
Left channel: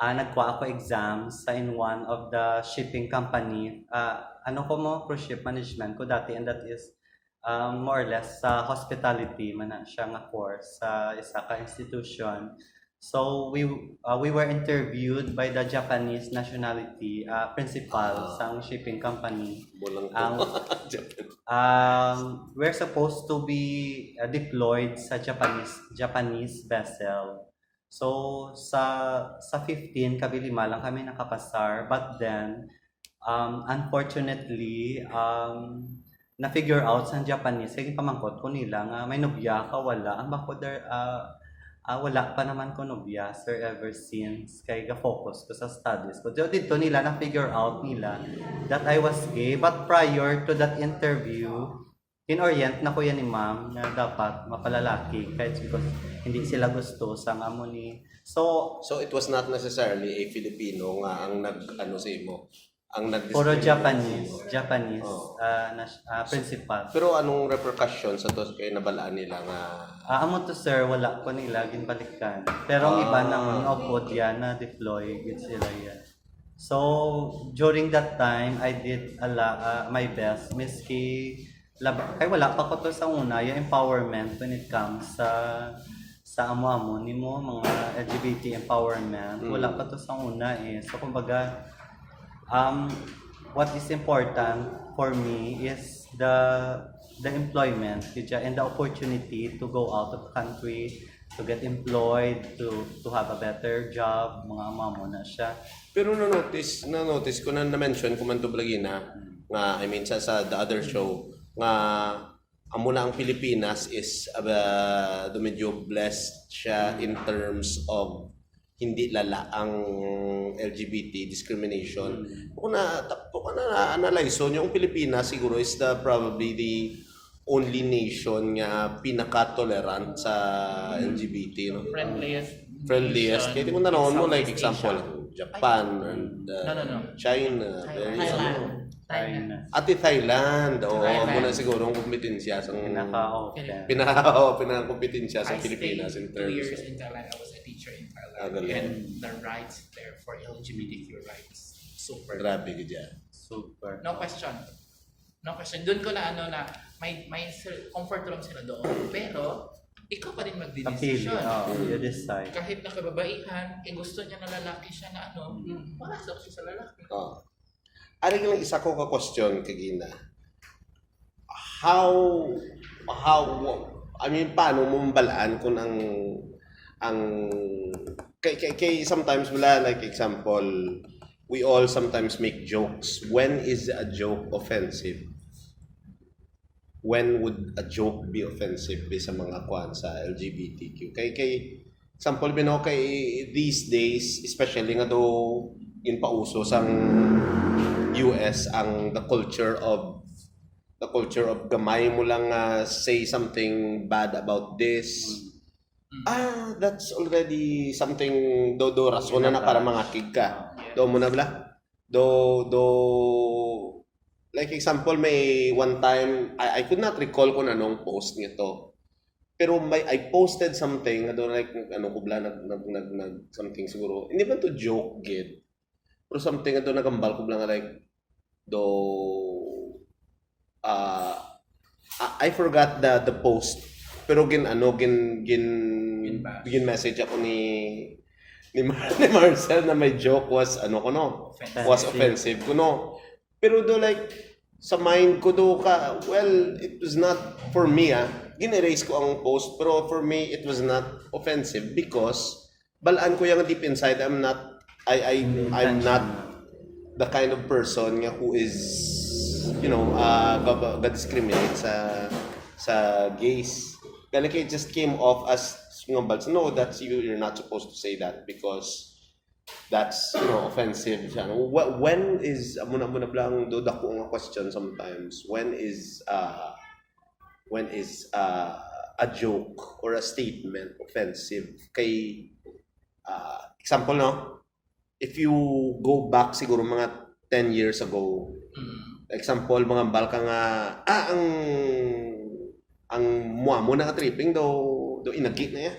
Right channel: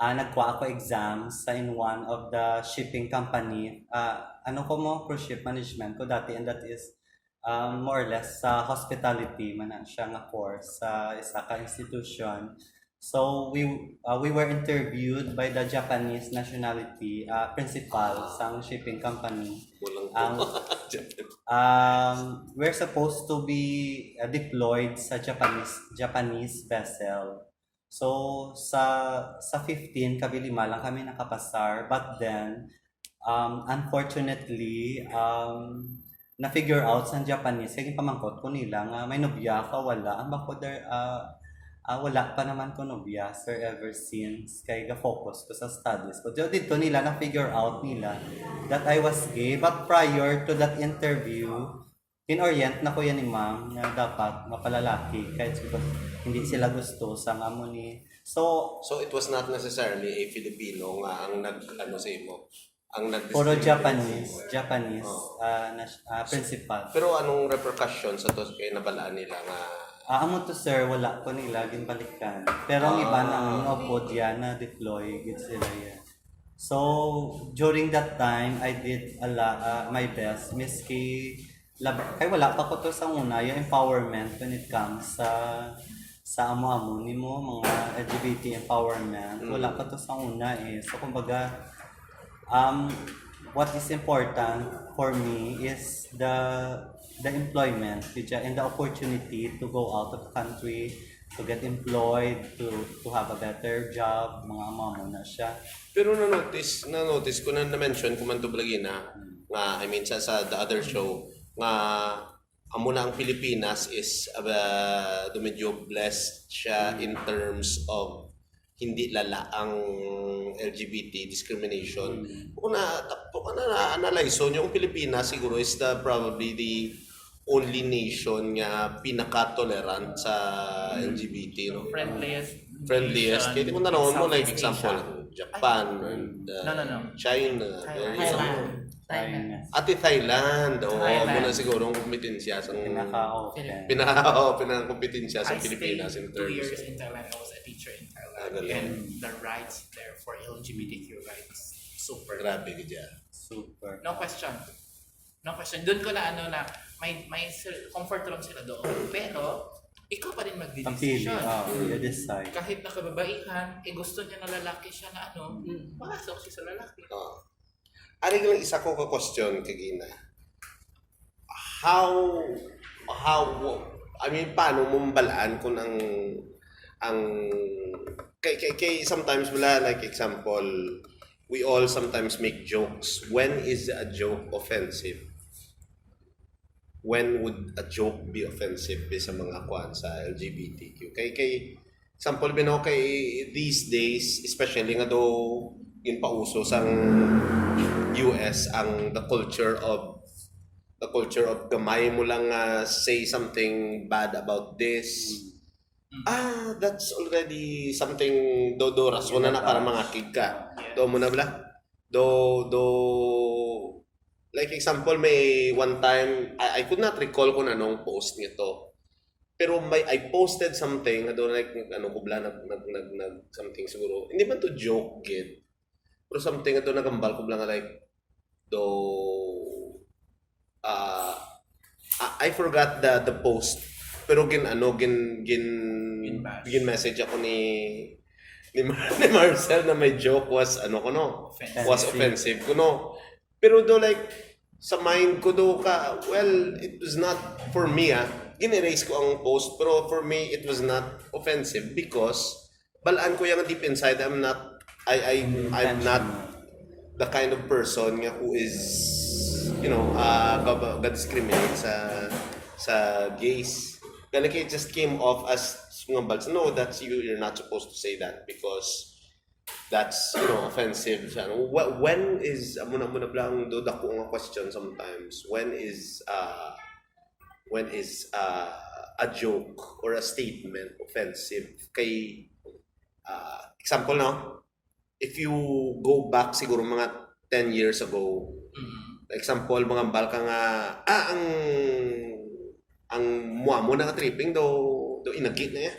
nagkuha ako exams sa in one of the shipping company. Cruise ship management ko dati, and that is more or less sa hospitality man na siya nga course sa isa ka institution. So we were interviewed by the Japanese nationality principal sang shipping company. We're supposed to be deployed sa Japanese vessel. So sa 15 kabilima lang kami nakapasar, but then unfortunately na-figure out sa Japanese, kaya pamangkot ko nila nga may nobya ka, wala. Ang bako wala pa naman ko nobya, sir, ever since. Kaya ga-focus ko sa studies ko. So, dito nila na-figure out nila that I was gay. But prior to that interview, in-orient na ko yan ni ma'am na dapat mapalalaki kahit because hindi sila gusto sa amon ni. So it was not necessarily a Filipino nga ang sa imo. Puro Japanese principal. Pero anong repercussion sa to kay nabalaan nila nga? Amo to sir, wala ko nila ginbalikan. Pero ang iba nang upod yan na deploy gid sila yan. So during that time, I did my best miski kay wala pa ko to sa una yung empowerment when it comes sa amo-amo nimo mga LGBT empowerment. Wala pa to sa una So kumbaga what is important for me is the employment and the opportunity to go out of the country, to get employed, to have a better job, mga amamo na siya. Pero na-notice ko na-mention ko man to blagina nga I mean sa the other show nga amo na ang Pilipinas is medyo blessed siya in terms of hindi lala ang LGBT discrimination. Kung na-analyze yung Pilipinas siguro is probably the only nation nga pinaka-tolerant sa LGBT. No? Friendliest. Kaya di mo tanong mo like example, Japan and China. Ati Thailand. Muna siguro ang kompetensya sa pinaka-kompetensya sa Pilipinas in terms. 2 years in Thailand, I was a teacher in Thailand. And the rights there for LGBTQ rights, super. Grabe ka dyan. Super. No question. Doon ko na comfort lang sila doon. Pero, ikaw pa rin Napili, magdidesisyon. you decide. Kahit nakababaihan, gusto niya na lalaki siya na pasok siya sa lalaki. Aring lang isa ko ka-question kagina. How, I mean, paano mo balaan kung ang kay sometimes wala, like example, we all sometimes make jokes. When is a joke offensive? When would a joke be offensive sa mga kwan sa LGBTQ? Kay example kay these days, especially nga do in pauso sang US ang the culture of gamay mo lang say something bad about this. That's already something do rason na para mangakig ka. Do mo na bala? Like example, may one time, I could not recall kung anong post nito. Pero I posted something, like, nag something siguro. Hindi ba to joke, gid? Pero something, nagambal ko lang, like, I forgot the post. Pero gin message ako ni Marcel na my joke was, was offensive. Pero like, sa mind ko well, it was not for me, gin-erase ko ang post, pero for me, it was not offensive because balaan ko yung deep inside, I'm not the kind of person who is, discriminate sa gays. Like, it just came off as, no, that's you're not supposed to say that because that's offensive. When is muna blang do dako nga question sometimes, when is a joke or a statement offensive kay example if you go back siguro mga 10 years ago, example mga balka nga ang mo na tripping do inagit na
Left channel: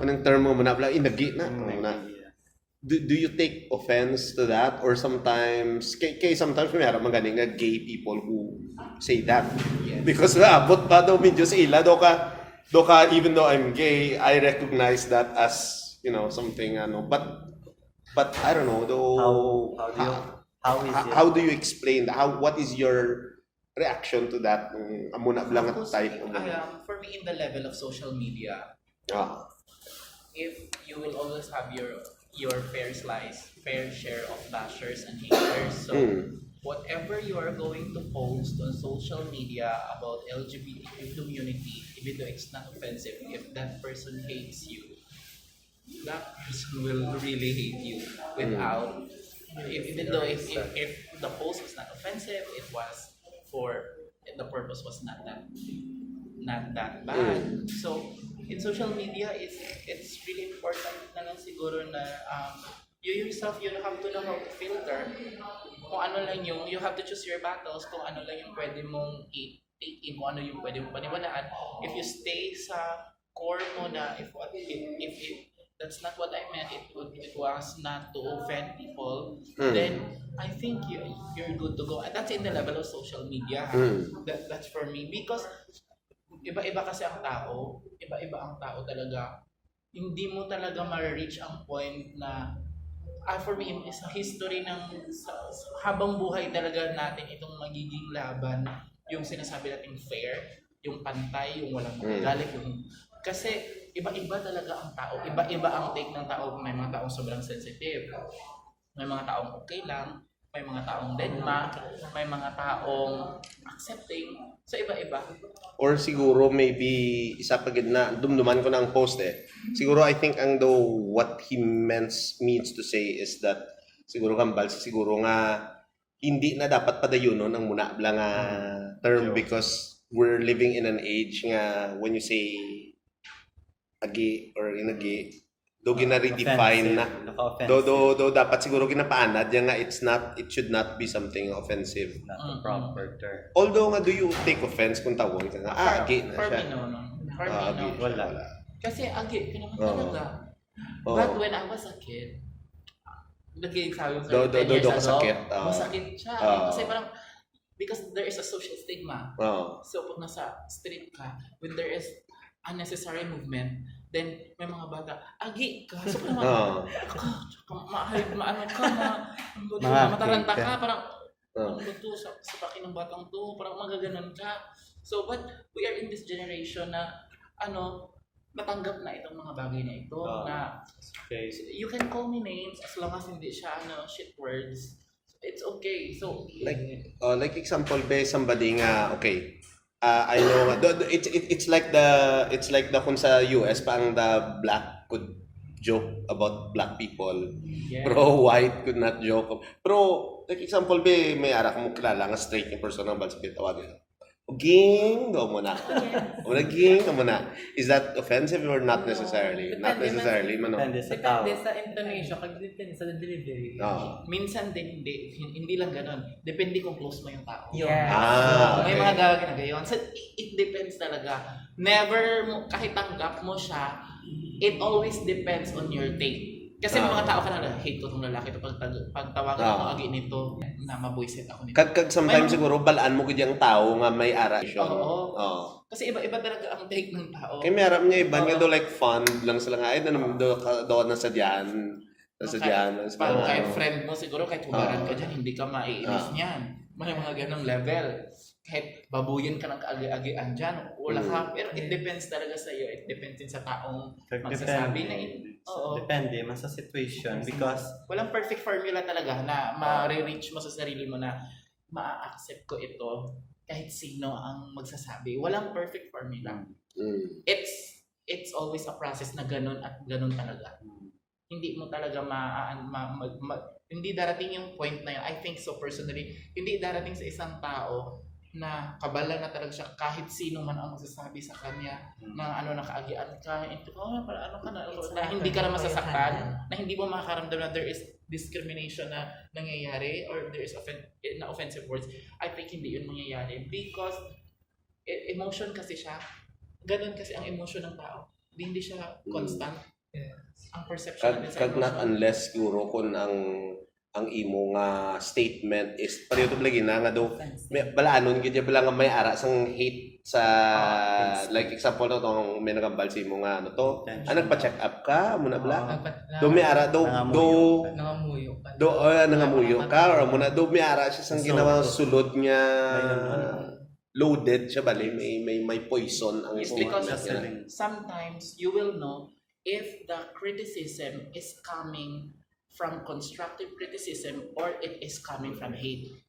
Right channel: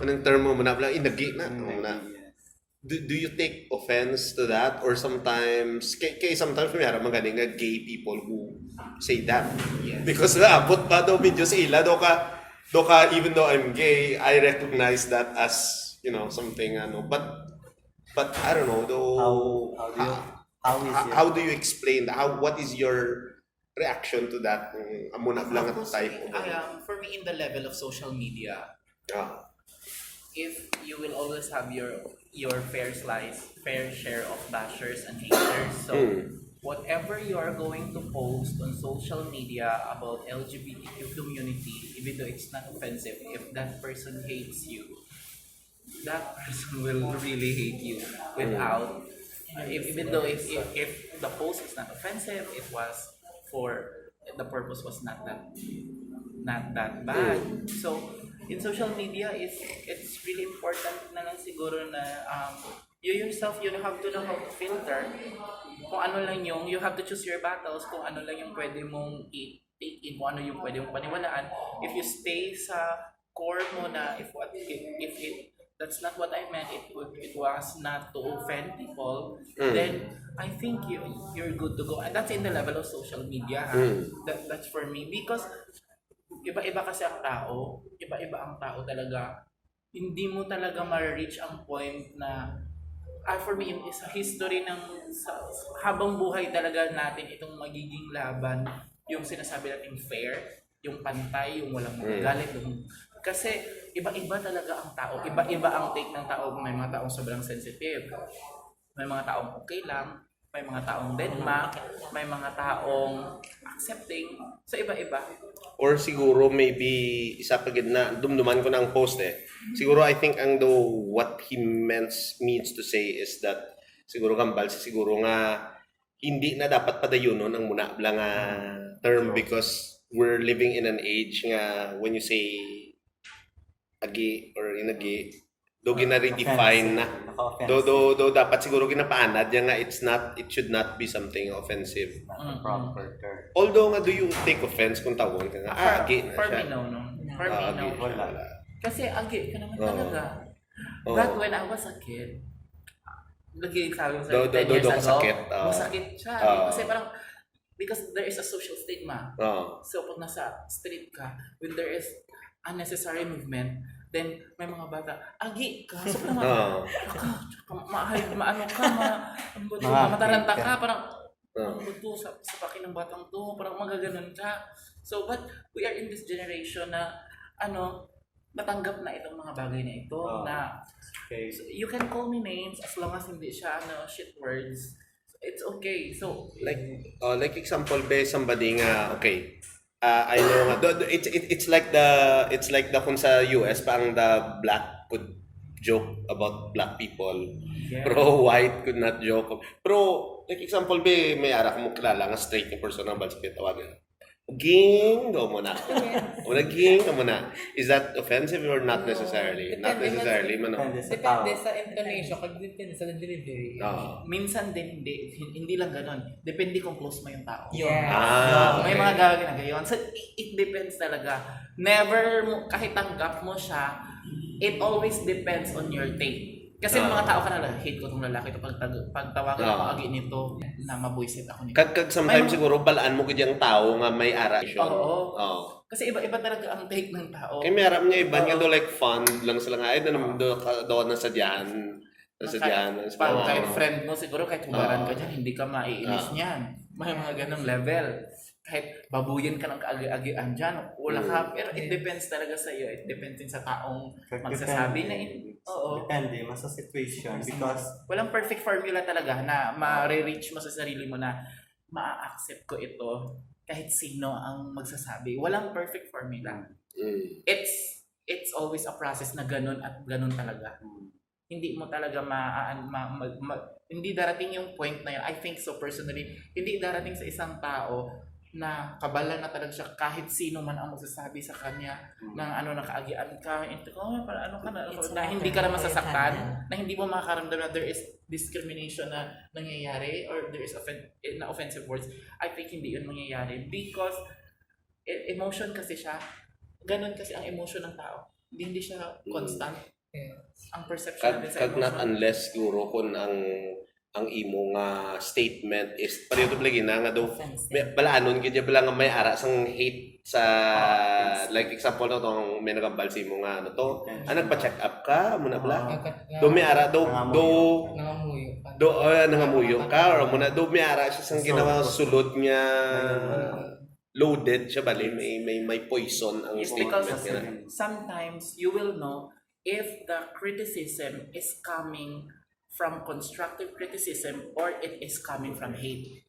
anong term mo na blang inagit na Do you take offense to that, or sometimes sometimes may magaling nga gay people who say that? Yes. Because abot pa daw medyo sa ila do ka even though I'm gay, I recognize that as something but I don't know though. How do you explain that? What is your reaction to that? Amuna lang type of for me, in the level of social media, if you will always have your fair share of bashers and haters. So whatever you are going to post on social media about LGBTQ community, even though it's not offensive, if that person hates you, that person will really hate you without, even though if the post is not offensive, it was the purpose was not that bad. So in social media, it's really important na lang siguro na you yourself, you have to know how to filter kung ano lang you have to choose your battles, kung ano lang yung pwede mong take in, kung ano yung pwede mong paniwalaan. If you stay sa core mo na if that's not what I meant, it was not to offend people, then I think you're good to go. And that's in the level of social media. That's for me, because iba-iba kasi ang tao, talaga. Hindi mo talaga ma-reach ang point na for me, sa history habang buhay talaga natin itong magiging laban, yung sinasabi natin fair, yung pantay, yung walang magagalit, kasi iba-iba talaga ang tao, iba-iba ang take ng tao. May mga taong sobrang sensitive, may mga taong okay lang, may mga taong deadma, may mga taong accepting, so iba-iba. Or siguro maybe isa pa gid na dumduman ko na ang post siguro I think what he means to say is that siguro kambal siguro nga hindi na dapat padayonon ang muna bla nga term, because we're living in an age nga when you say agi or inagi do gina-redefine na do dapat siguro ginapaanad yan nga it should not be something offensive, not a proper term. Although nga do you take offense kung tawon ka nga agi na for siya? me no for me no, Wala. kasi agi ka naman talaga. But when I was a kid, lagi sabi ko sa 10 years ago, masakit siya. Kasi parang Because there is a social stigma. Oo. So pag nasa street ka, when there is unnecessary movement, then may mga bata, agi ka, so Oo. maano ka, mataranta ka, parang ano to, sa paki ng batang to, parang magaganon ka. So but we are in this generation na natanggap na itong mga bagay na ito na Okay. so, you can call me names as long as hindi siya shit words. So, it's okay. So Like example be somebody nga okay. I know it's like the kung sa US parang the black could joke about black people. yeah. Pero white could not joke. Pero like example be may ara mo kilala nga straight yung person na balsa tawagan. Ging, go muna. Wala ging, go muna. Is that offensive or not necessarily? Not Depende man necessarily, man. Depende sa tao. Depende sa intonation, kag depende sa delivery. No. Minsan din hindi lang ganon. Depende kung close mo yung tao. Yes. May mga gagawin na gayon. So it depends talaga. Never mo kahit tanggap mo siya, it always depends on your take. Kasi mga tao ka na hate ko tong lalaki to pag tawagan ako agi nito na mabuisit ako nito. Kag sometimes siguro balaan mo gid yung tao nga may ara. Oo. Kasi iba talaga ang take ng tao. Kaya may aram nga iba nga do like fun lang sila nga ay naman do na sa diyan. Sa diyan. Pag kahit friend mo siguro kahit hugaran ka dyan, hindi ka maiinis niyan. May mga ganong level. Kahit babuyin ka ng kaagi-agian dyan, wala ka. Pero it depends talaga sa iyo. It depends din sa taong magsasabi na Depende man sa situation because walang perfect formula talaga na ma-reach mo sa sarili mo na ma-accept ko ito kahit sino ang magsasabi. Walang perfect formula. It's always a process na ganun at ganun talaga. Hindi mo talaga hindi darating yung point na yun. I think so personally, hindi darating sa isang tao na kabala na talaga siya kahit sino man ang magsasabi sa kanya na nakaagian ka, na hindi ka na masasaktan, na hindi mo makakaramdam na there is discrimination na nangyayari or there is offensive words. I think hindi yun mangyayari because emotion kasi siya. Ganun kasi ang emotion ng tao. Hindi siya constant. Ang perception natin sa kag not emotion. unless siguro kung ang imo nga statement is pareho lagi na nga do balaanon gid bala nga may ara sang hate sa like example no tong may nagambal si mo nga to nagpa-check up ka muna bala do may ara do Nangamuyo ka. nangamuyo ka or muna do may ara siya sang ginawa sulod nga loaded siya bali may poison ang Because statement niya. sometimes you will know if the criticism is coming from constructive criticism or it is coming from hate.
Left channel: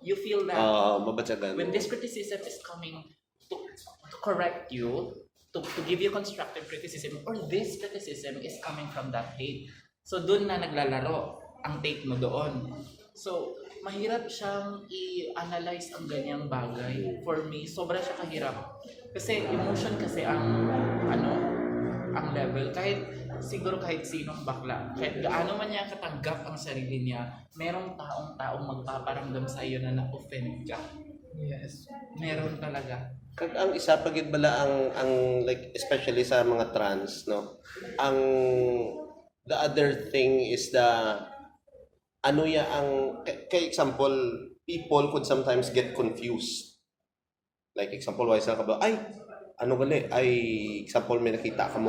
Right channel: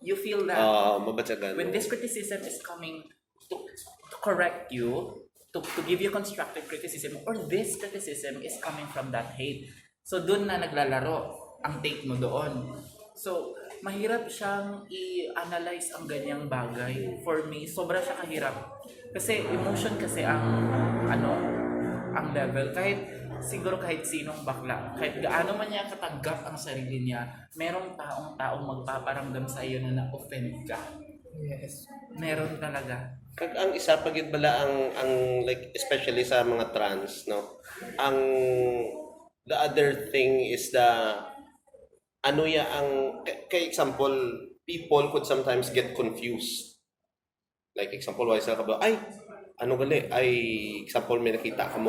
You feel that mabatsagan when this criticism is coming to correct you, to give you constructive criticism, or this criticism is coming from that hate. So doon na naglalaro ang take mo doon. So mahirap siyang i-analyze ang ganyang bagay. For me, sobra siya kahirap. Kasi emotion kasi ang ang level. Siguro kahit sinong bakla, kahit gaano man niya katanggap ang sarili niya, merong taong magpaparamdam sa iyo na na-offend ka. Yes. Meron talaga. Kag ang isa pa gid bala ang like especially sa mga trans no. Ang the other thing is ang kay example people could sometimes get confused. Like example wise ka ba ay example may nakita ka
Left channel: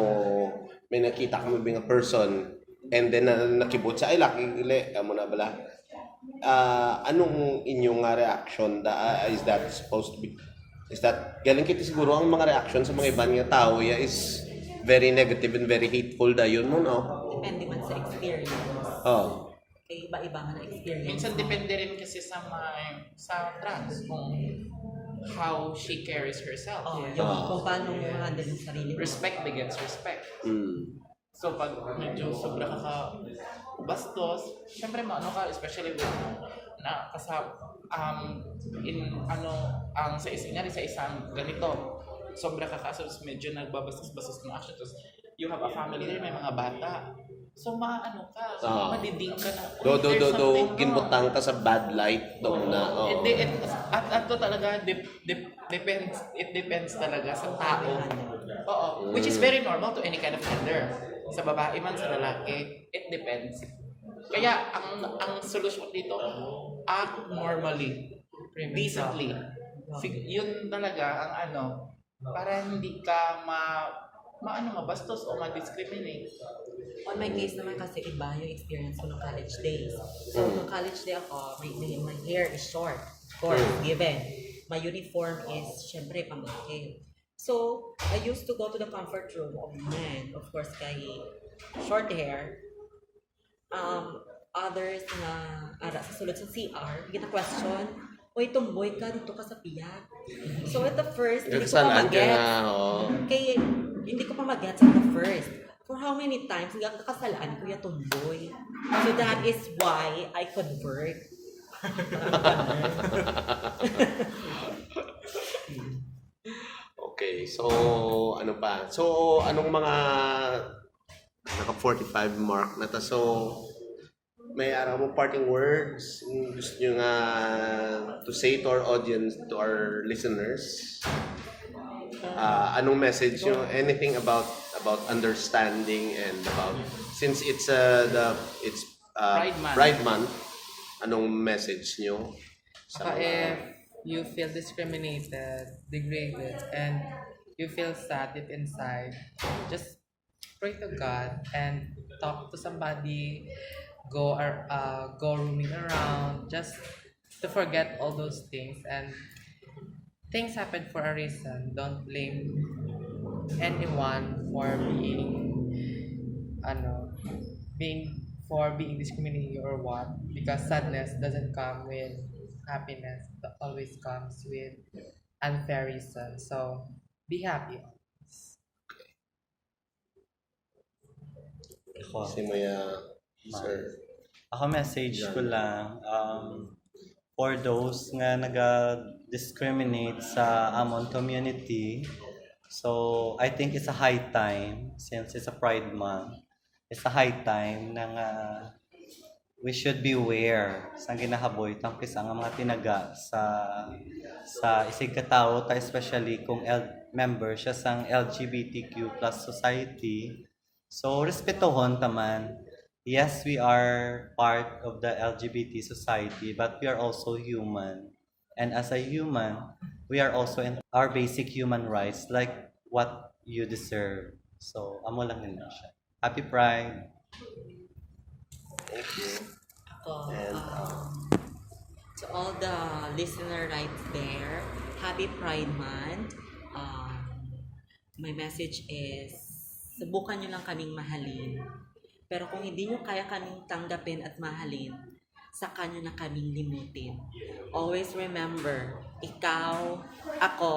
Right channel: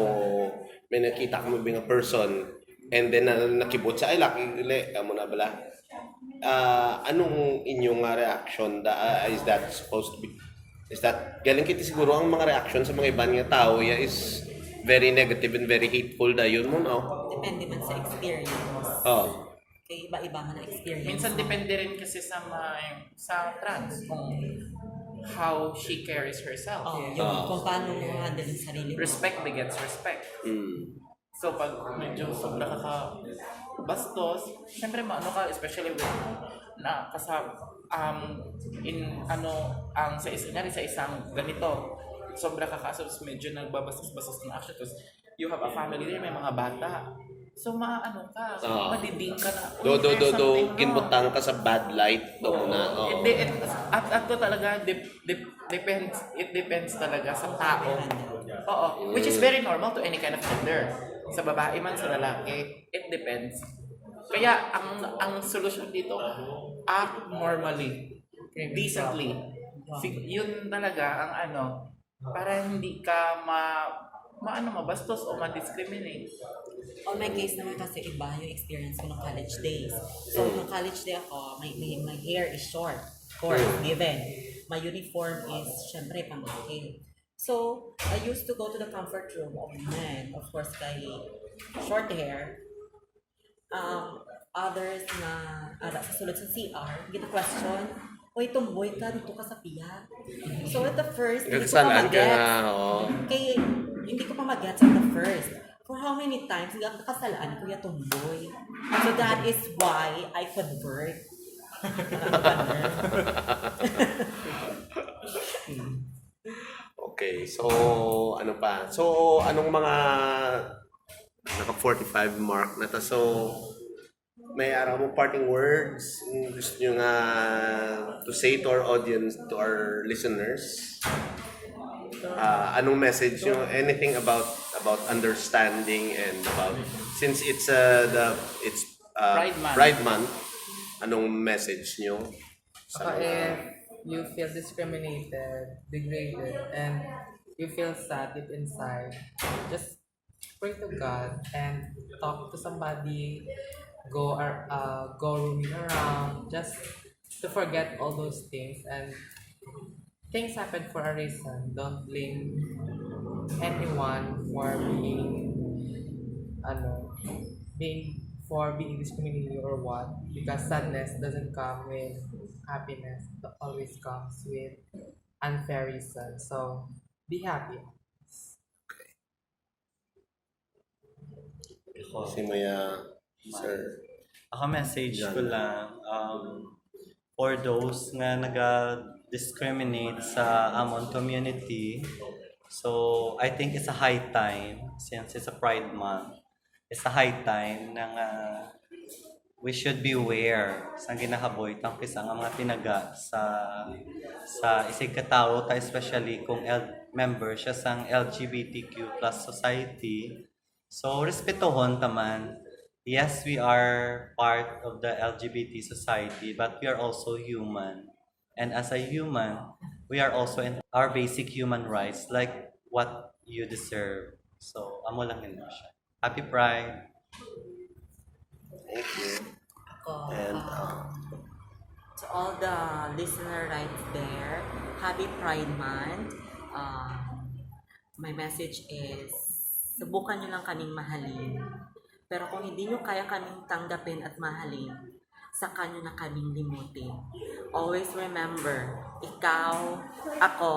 mo being a person and then nakibot sa ay laki dili amo na bala anong inyong reaction is that supposed to be is that galing kiti siguro ang mga reaction sa mga ibang nga tao is very negative and very hateful dayon mo no Depende man sa experience. Okay, iba-iba nga na experience. Minsan depende rin kasi sa trans kung how she carries herself. Kung paano mo handle yung sarili mo. Respect begets respect. So pag medyo sobra ka bastos, syempre especially when sa isang ganito, sobra ka medyo nagbabastos-bastos na action. Tapos you have a family there, may mga bata. So madidig ka na. Ginbutang ka sa bad light do na. At to talaga depends talaga sa tao. Which is very normal to any kind of gender. Sa babae man sa lalaki, it depends. Kaya ang solusyon dito, act normally. Premium decently. problem. Yun talaga ang ano, para hindi ka mabastos o ma-discriminate. On my case naman kasi iba yung experience ko ng college days. So, nung college day ako, my hair is short. Of course, given. My uniform is, syempre, pamilya. So, I used to go to the comfort room of men. Of course, kay short hair. Others na sa sulod sa CR, kita question, Uy, tumboy ka, dito ka sa piyak. So at the first, hindi ko pa Nagsalaan ka mag-gets. nga, oo. Kaya hindi ko pa mag-gets at the first. For how many times, nakasalaan ko yung tumboy. So that is why I convert. Okay, so ano pa? So anong mga naka 45 mark na to. So may araw mo parting words gusto nyo nga to say to our audience, to our listeners? Anong message nyo? Anything about understanding and about since it's Pride Month. Pride Month, anong message nyo? If you feel discriminated, degraded, and you feel sad deep inside, just pray to God and talk to somebody, go roaming around, just to forget all those things. And things happen for a reason. Don't blame anyone for being discriminated or what, because sadness doesn't come with happiness, but always comes with unfair reason. So be happy. Si Maya, sir. Ako message ko lang, for those nga naga-discriminate sa among community, so I think it's a high time, since it's a Pride Month, it's a high time na nga we should be aware sa ginahaboy tangkis ang mga tinaga sa isig katao ta, especially kung member siya sang LGBTQ plus society. So respetohon taman. Yes, we are part of the LGBT society, but we are also human. And as a human, we are also in our basic human rights, like what you deserve. So, amo lang yun siya. Happy Pride! Thank you. Ako, And, to all the listener right there, happy Pride Month. My message is, subukan nyo lang kaming mahalin. Pero kung hindi nyo kaya kaming tanggapin at mahalin, saka nyo na kaming limutin. Always remember, ikaw, ako,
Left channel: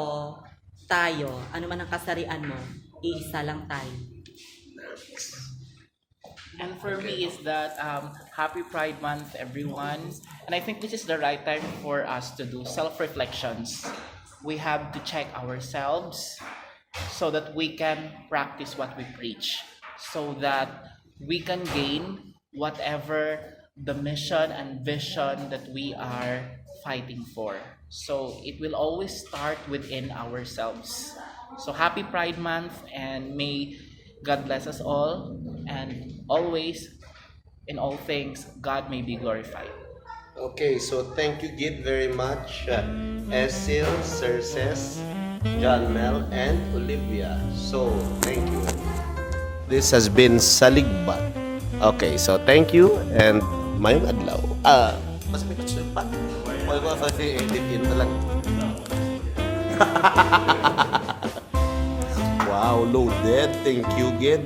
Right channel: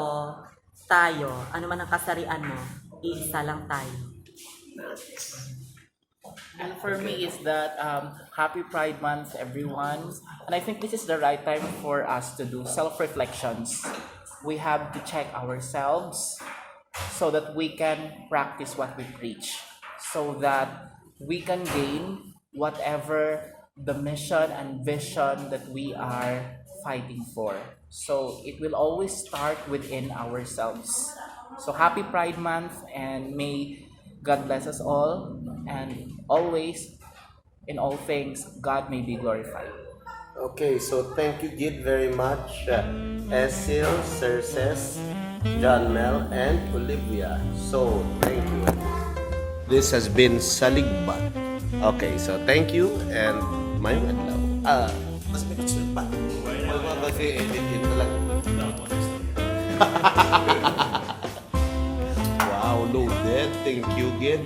tayo, ano man ang kasarian mo, iisa lang tayo. And for me is that happy Pride Month, everyone. And I think this is the right time for us to do self-reflections. We have to check ourselves so that we can practice what we preach, so that we can gain whatever the mission and vision that we are fighting for. So it will always start within ourselves. So happy Pride Month, and may God bless us all, and always, in all things, God may be glorified. Okay, so thank you Gid very much. Esil, Cerces, John Mel, and Olivia. So, thank you. This has been Saligbat. Okay, so thank you and mayong adlaw. Mas may kusun pa. Kasi edit na lang. Wow, loaded. Thank you, Gid.